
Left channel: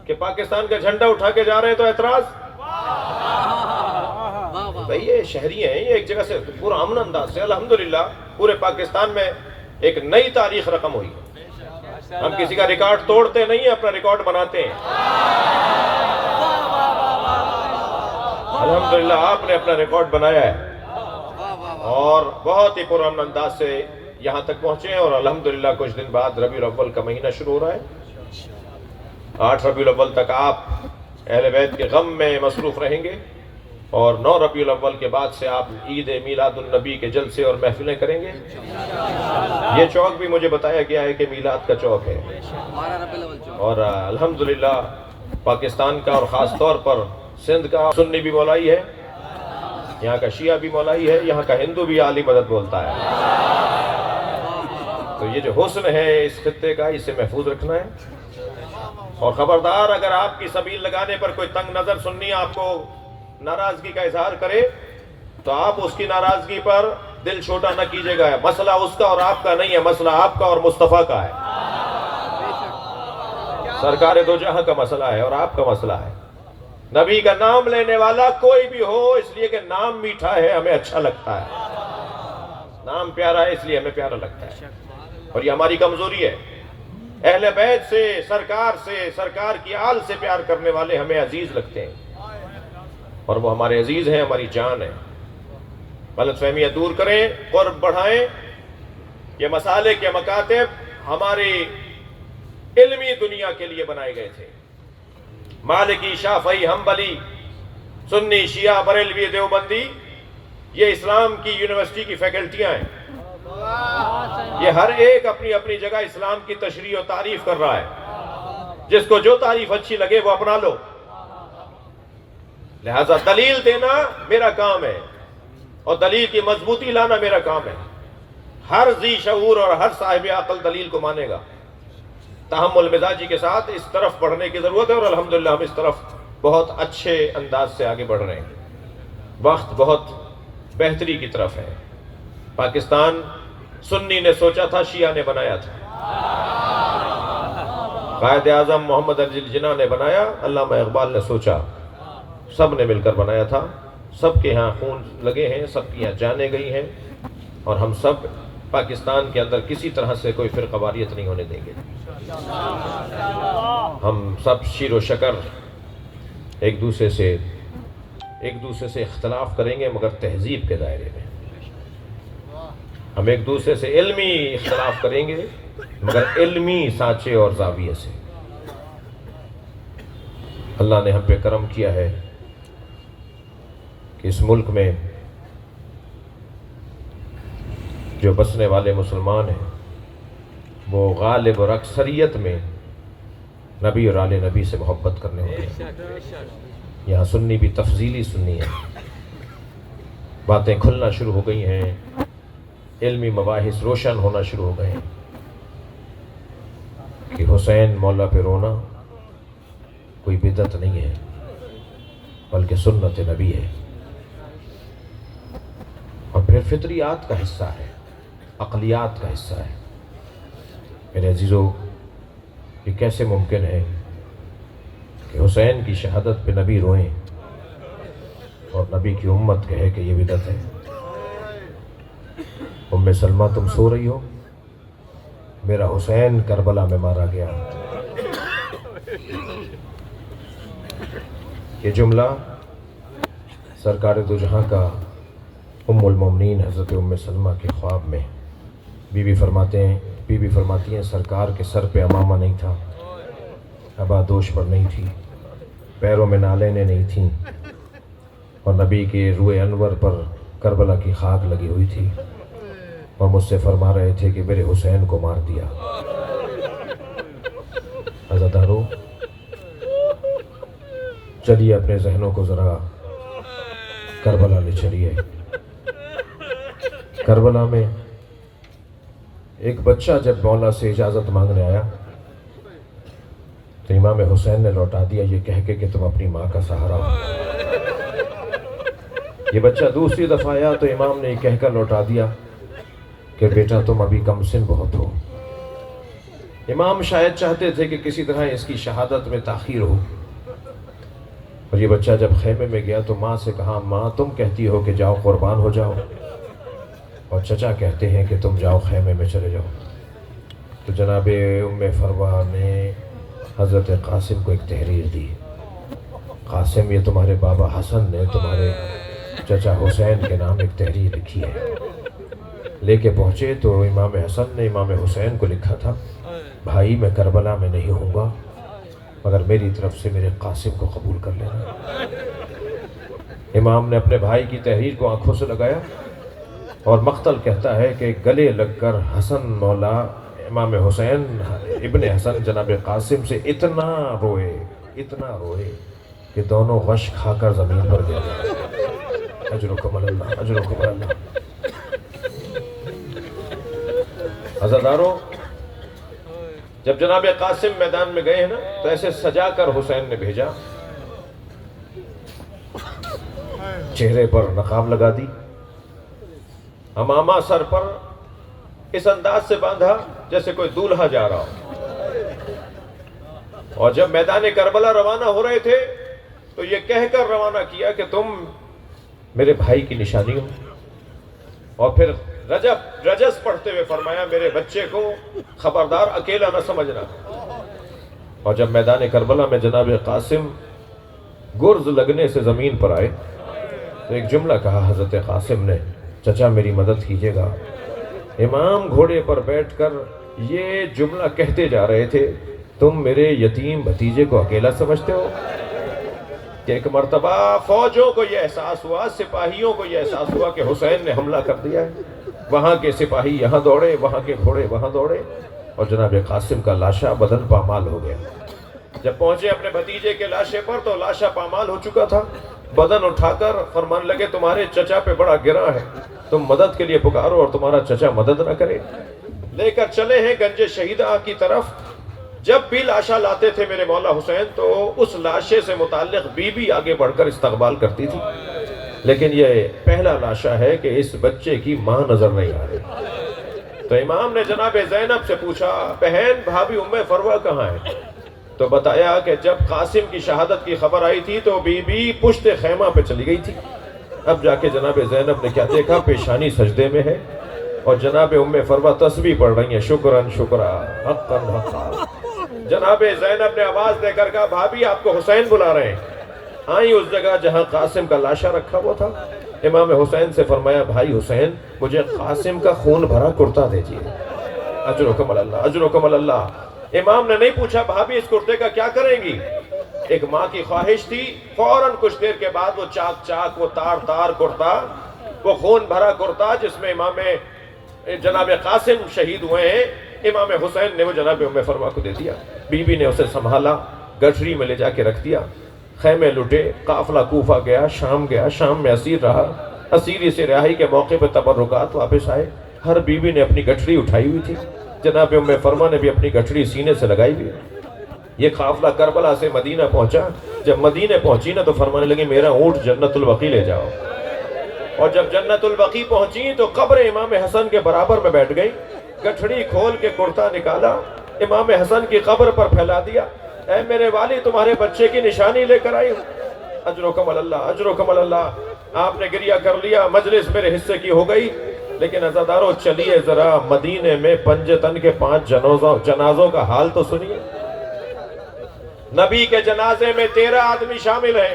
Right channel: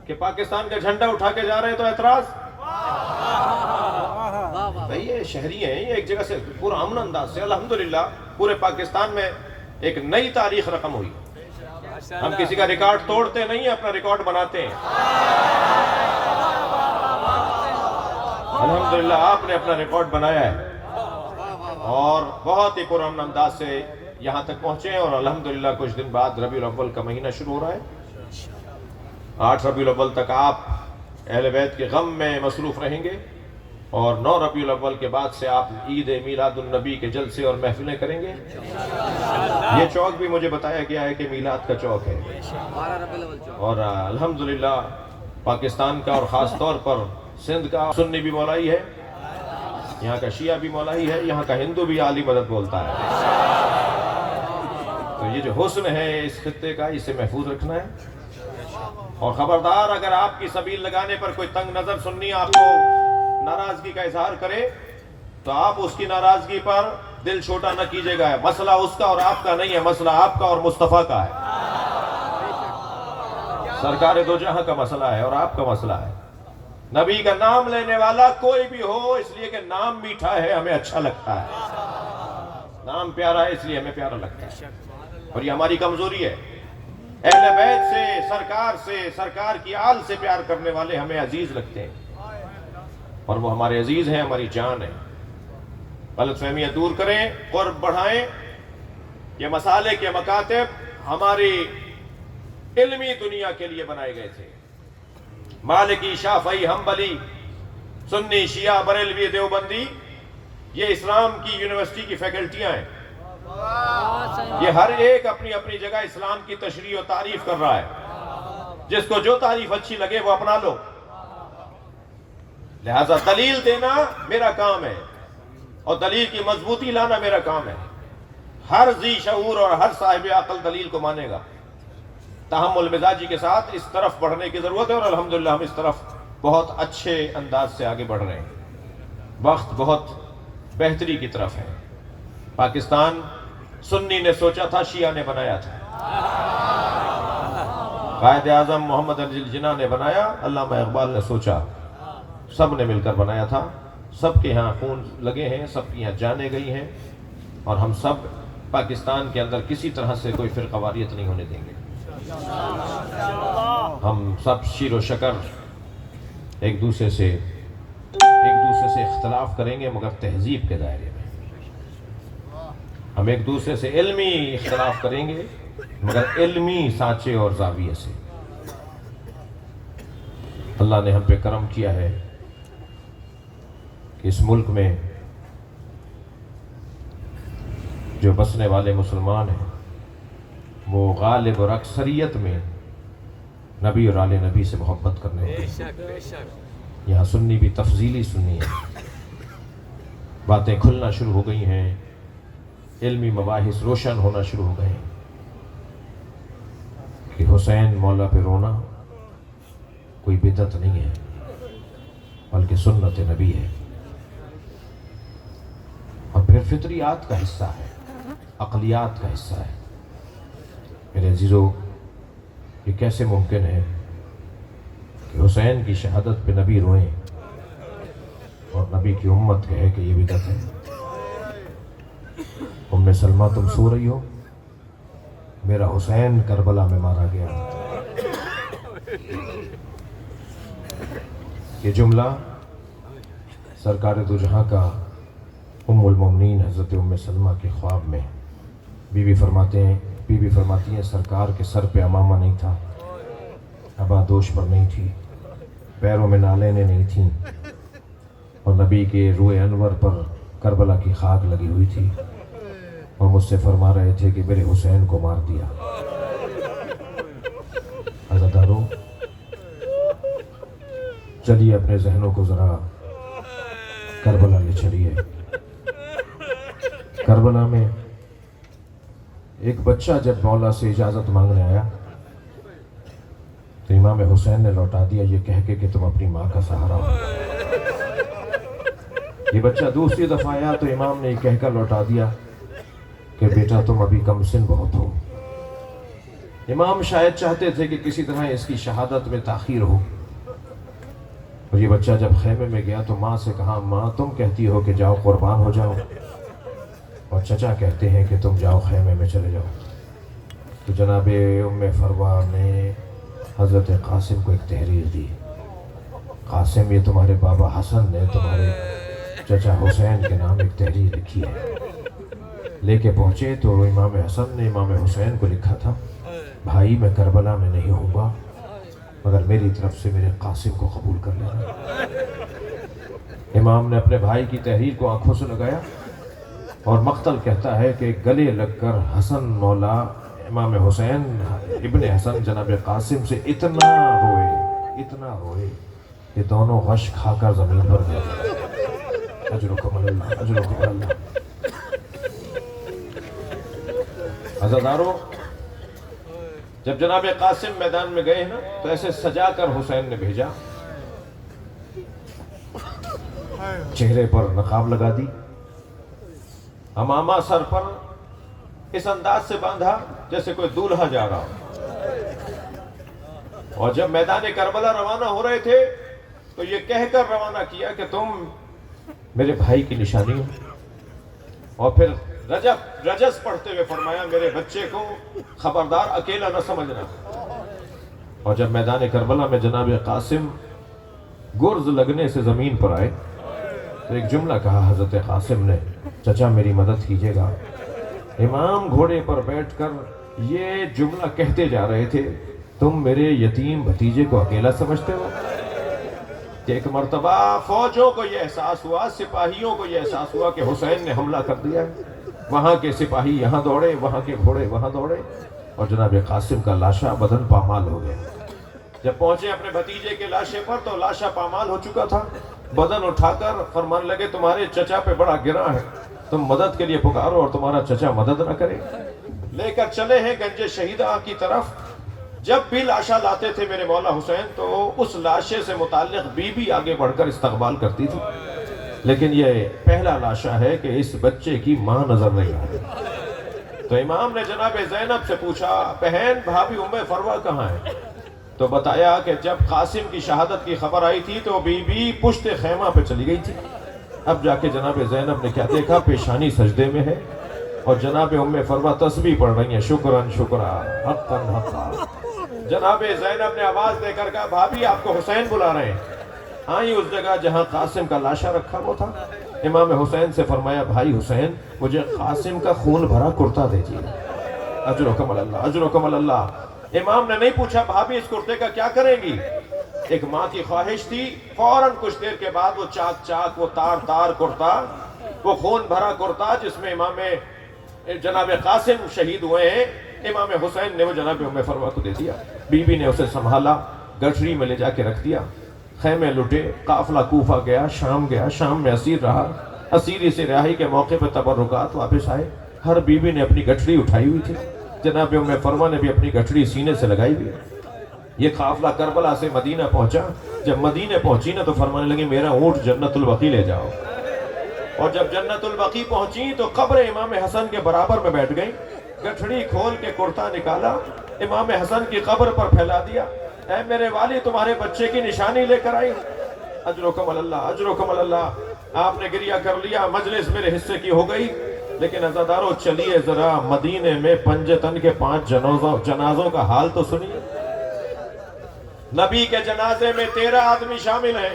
کہ پاکستان کا جھنڈا اٹھا کے جا رہے ہیں تو اعتراض؟ بھئی یہ شہری ہیں، یہ ایک جگہ سے پورا امن انداز سے الحمدللہ پورے پاکستان میں ایک نئی تاریخ رقم ہوئی۔ ہم کسی کا ریکارڈ توڑتے نہیں ہیں، اپنا ریکارڈ بناتے ہیں۔ الحمدللہ آپ نے اپنا ریکارڈ بنایا ہے اور بہت ہی پرامن انداز سے یہاں تک پہنچے ہیں، اور الحمدللہ کچھ دن بعد ربیع الاول کا مہینہ شروع ہو رہا ہے۔ 8 ربیع الاول تک آپ اہل بیت کے غم میں مصروف رہیں گے، اور 9 ربیع الاول کے بعد سے آپ عید میلاد النبی کے جلسے اور محفلیں کریں گے۔ یہ چوک بھی مجھے بتایا گیا ہے کہ میلاد کا چوک ہے، اور الحمدللہ پاکستان کا اور خاص طور پر سندھ کا سنی بھی مولائی ہے، یہاں کا شیعہ بھی مولائی ہے، یہاں کا ہندو بھی عالی مدد بولتا ہے۔ تو یہ جو حسن ہے اس خطے کا، اسے محفوظ رکھنا ہے، اور خبردار اگر آپ کی سبیل لگانے پر کوئی تنگ نظر سنی آپ کو ناراضگی کا اظہار کرے تو آپ اس کی ناراضگی پر دل چھوٹا نہ کیجیے گا۔ مسئلہ اس کا اور آپ کا نہیں ہے، مسئلہ آپ کا اور مصطفیٰ کا ہے۔ سرکار دو جہاں کا مسئلہ ہے اور آپ کا مسئلہ ہے۔ نبی کا نام لینے والا کوئی بھی ہو، اس لیے کہ نام میٹھا ہے ہمیں اچھا لگتا ہے، نام پیارا ہے اس لیے ہمیں پیارا لگتا ہے، اور یہ ہماری کمزوری ہے۔ اہل بیت سے، سرکار کی آل سے پیار کرنے والے ہمیں عزیز لگتے ہیں، اور وہ ہمارے عزیز ہیں، ہماری جان ہے۔ غلط فہمیاں دور کریں، قرب بڑھائیں۔ یہ مسالک، یہ مکاتب ہماری علمی دنیا کے لیے بنائے گئے تھے۔ مالکی، شافعی، حنبلی، سنی، شیعہ، بریلوی، دیوبندی، یہ اسلام کی یونیورسٹی کی فیکلٹیاں ہیں۔ یہ ہر ایک اپنی اپنی جگہ اسلام کی تشریح و تعریف کر رہا ہے، جس کو جو تعریف اچھی لگے وہ اپنا لو۔ لہذا دلیل دینا میرا کام ہے، اور دلیل کی مضبوطی لانا میرا کام ہے۔ ہر ذی شعور اور ہر صاحب عقل دلیل کو مانے گا۔ تحمل مزاجی کے ساتھ اس طرف بڑھنے کی ضرورت ہے، اور الحمدللہ ہم اس طرف بہت اچھے انداز سے آگے بڑھ رہے ہیں۔ وقت بہت بہتری کی طرف ہے۔ پاکستان سنی نے سوچا تھا، شیعہ نے بنایا تھا۔ قائد اعظم محمد علی جناح نے بنایا، علامہ اقبال نے سوچا، سب نے مل کر بنایا تھا۔ سب کے ہاں خون لگے ہیں، سب کی یہاں جانیں گئی ہیں، اور ہم سب پاکستان کے اندر کسی طرح سے کوئی فرقہ واریت نہیں ہونے دیں گے۔ ہم سب شیر و شکر ایک دوسرے سے اختلاف کریں گے، مگر تہذیب کے دائرے میں۔ ہم ایک دوسرے سے علمی اختلاف کریں گے، مگر علمی سانچے اور زاویے سے۔ اللہ نے ہم پہ کرم کیا ہے کہ اس ملک میں جو بسنے والے مسلمان ہیں وہ غالب اور اکثریت میں نبی اور آل نبی سے محبت کرنے والے ہیں۔ یہاں سنی بھی تفضیلی سنی ہے، باتیں کھلنا شروع ہو گئی ہیں، علمی مباحث روشن ہونا شروع ہو گئے ہیں کہ حسین مولا پہ رونا کوئی بدعت نہیں ہے، بلکہ سنت نبی ہے، اور پھر فطریات کا حصہ ہے، عقلیات کا حصہ ہے۔ میرے عزیزو، یہ کیسے ممکن ہے کہ حسین کی شہادت پہ نبی روئیں اور نبی کی امت کہے کہ یہ بدعت ہے؟ ام سلمہ تم سو رہی ہو، میرا حسین کربلا میں مارا گیا۔ یہ جملہ سرکار دو جہاں کا ام المومنین حضرت ام سلمہ کے خواب میں بی بی فرماتی ہیں سرکار کے سر پہ امامہ نہیں تھا، ابادوش پر نہیں تھی، پیروں میں نالینیں نہیں تھیں، اور نبی کے روئے انور پر کربلا کی خاک لگی ہوئی تھی، اور مجھ سے فرما رہے تھے کہ میرے حسین کو مار دیا۔ عزادارو، چلیے اپنے ذہنوں کو ذرا کربلا لے چلیے۔ کربلا میں ایک بچہ جب مولا سے اجازت مانگنے آیا تو امام حسین نے لوٹا دیا یہ کہہ کے کہ تم اپنی ماں کا سہارا ہو۔ یہ بچہ دوسری دفعہ آیا تو امام نے یہ کہہ کر لوٹا دیا کہ بیٹا تم ابھی کم سن بہت ہو۔ امام شاید چاہتے تھے کہ کسی طرح اس کی شہادت میں تاخیر ہو، اور یہ بچہ جب خیمے میں گیا تو ماں سے کہا ماں تم کہتی ہو کہ جاؤ قربان ہو جاؤ، اور چچا کہتے ہیں کہ تم جاؤ خیمے میں چلے جاؤ۔ تو جناب ام فروہ نے حضرت قاسم کو ایک تحریر دی، قاسم یہ تمہارے بابا حسن نے تمہارے چچا حسین کے نام ایک تحریر لکھی ہے۔ لے کے پہنچے تو امام حسن نے امام حسین کو لکھا تھا بھائی میں کربلا میں نہیں ہوں گا مگر میری طرف سے میرے قاسم کو قبول کر لینا۔ امام نے اپنے بھائی کی تحریر کو آنکھوں سے لگایا اور مقتل کہتا ہے کہ گلے لگ کر حسن مولا امام حسین ابن حسن جناب قاسم سے اتنا روئے کہ دونوں غش کھا کر زمین پر گئے۔ اجرکم اللہ، اجرکم اللہ۔ عزادارو، جب جناب قاسم میدان میں گئے ہیں نا تو ایسے سجا کر حسین نے بھیجا، چہرے پر نقاب لگا دی، امامہ سر پر اس انداز سے باندھا جیسے کوئی دولہا جا رہا ہو، اور جب میدان کربلا روانہ ہو رہے تھے تو یہ کہہ کر روانہ کیا کہ تم میرے بھائی کی نشانی ہو، اور پھر رجس پڑھتے ہوئے فرمایا میرے بچے کو خبردار اکیلا نہ سمجھنا۔ اور جب میدان کربلا میں جناب قاسم گرز لگنے سے زمین پر آئے تو ایک جملہ کہا حضرت قاسم نے چچا میری مدد کیجیے گا۔ امام گھوڑے پر بیٹھ کر یہ جملہ کہتے جا رہے تھے تم میرے یتیم بھتیجے کو اکیلا سمجھتے ہو؟ کہ ایک مرتبہ فوجوں کو یہ احساس ہوا، سپاہیوں کو یہ احساس ہوا کہ حسین نے حملہ کر دیا ہے، وہاں کے سپاہی یہاں دوڑے، وہاں کے گھوڑے وہاں دوڑے، اور جناب قاسم کا لاشا بدن پامال ہو گیا۔ جب پہنچے اپنے بھتیجے کے لاشے پر تو لاشا پامال ہو چکا تھا، بدن اٹھا کر فرمان لگے تمہارے چچا پہ بڑا گرا ہے، تم مدد کے لیے پکارو اور تمہارا چچا مدد نہ کرے۔ لے کر چلے ہیں گنج شہیدہ کی طرف۔ جب بھی لاشا لاتے تھے میرے مولا حسین تو اس لاشے سے متعلق بی بی آگے بڑھ کر استقبال کرتی تھی، لیکن یہ پہلا لاشا ہے کہ اس بچے کی ماں نظر نہیں آ رہی۔ تو امام نے جناب زینب سے پوچھا بہن بھابی ام فروہ کہاں ہے؟ تو بتایا کہ جب قاسم کی شہادت کی خبر آئی تھی تو بی بی پشت خیمہ پہ چلی گئی تھی۔ اب جا کے جناب زینب نے کیا دیکھا، پیشانی سجدے میں ہے اور جناب ام فروہ تسبیح پڑھ رہی ہیں شکرن شکرا حقن حقا۔ جناب زینب نے آواز دے کر کہا بھابی آپ کو حسین بلا رہے ہیں۔ آئی اس جگہ جہاں قاسم کا لاشا رکھا ہوا تھا، امام حسین سے فرمایا بھائی حسین مجھے قاسم کا خون بھرا کرتا دیجیے۔ اجرکم اللہ، اجرکم اللہ۔ امام نے نہیں پوچھا بھابی اس کرتے کا کیا کریں گی؟ ایک ماں کی خواہش تھی، فوراً کچھ دیر کے بعد وہ چاک چاک وہ تار تار کرتا، وہ خون بھرا کرتا جس میں امام جناب قاسم شہید ہوئے ہیں، امام حسین نے وہ جناب ام فروہ کو دے دیا۔ بی بی نے اسے سنبھالا، گٹھری میں لے جا کے رکھ دیا، خیمے لٹے، قافلہ کوفہ گیا، شام میں اسیر رہا۔ اسیری سے رہائی کے موقع پر تبرکات واپس آئے، ہر بی بی نے اپنی گٹھری اٹھائی ہوئی تھی، جناب ام فروہ نے بھی اپنی گٹھری سینے سے لگائی ہوئی۔ یہ قافلہ کربلا سے مدینہ پہنچا، جب مدینہ پہنچی نا تو فرمانے لگی میرا اونٹ جنت البقیع لے جاؤ، اور جب جنت البقیع پہنچی تو قبر امام حسن کے برابر میں بیٹھ گئی، گٹھڑی کھول کے کرتا نکالا، امام حسن کی قبر پر پھیلا دیا، اے میرے والی تمہارے بچے کی نشانی لے کر آئی ہوں۔ اجرکم اللہ، اجرکم اللہ۔ آپ نے گریہ کر لیا، مجلس میرے حصے کی ہو گئی، لیکن عزادارو چلیے ذرا مدینے میں پنجتن کے 5 جنازوں کا حال تو سنیے۔ نبی کے جنازے میں 13 آدمی شامل ہیں،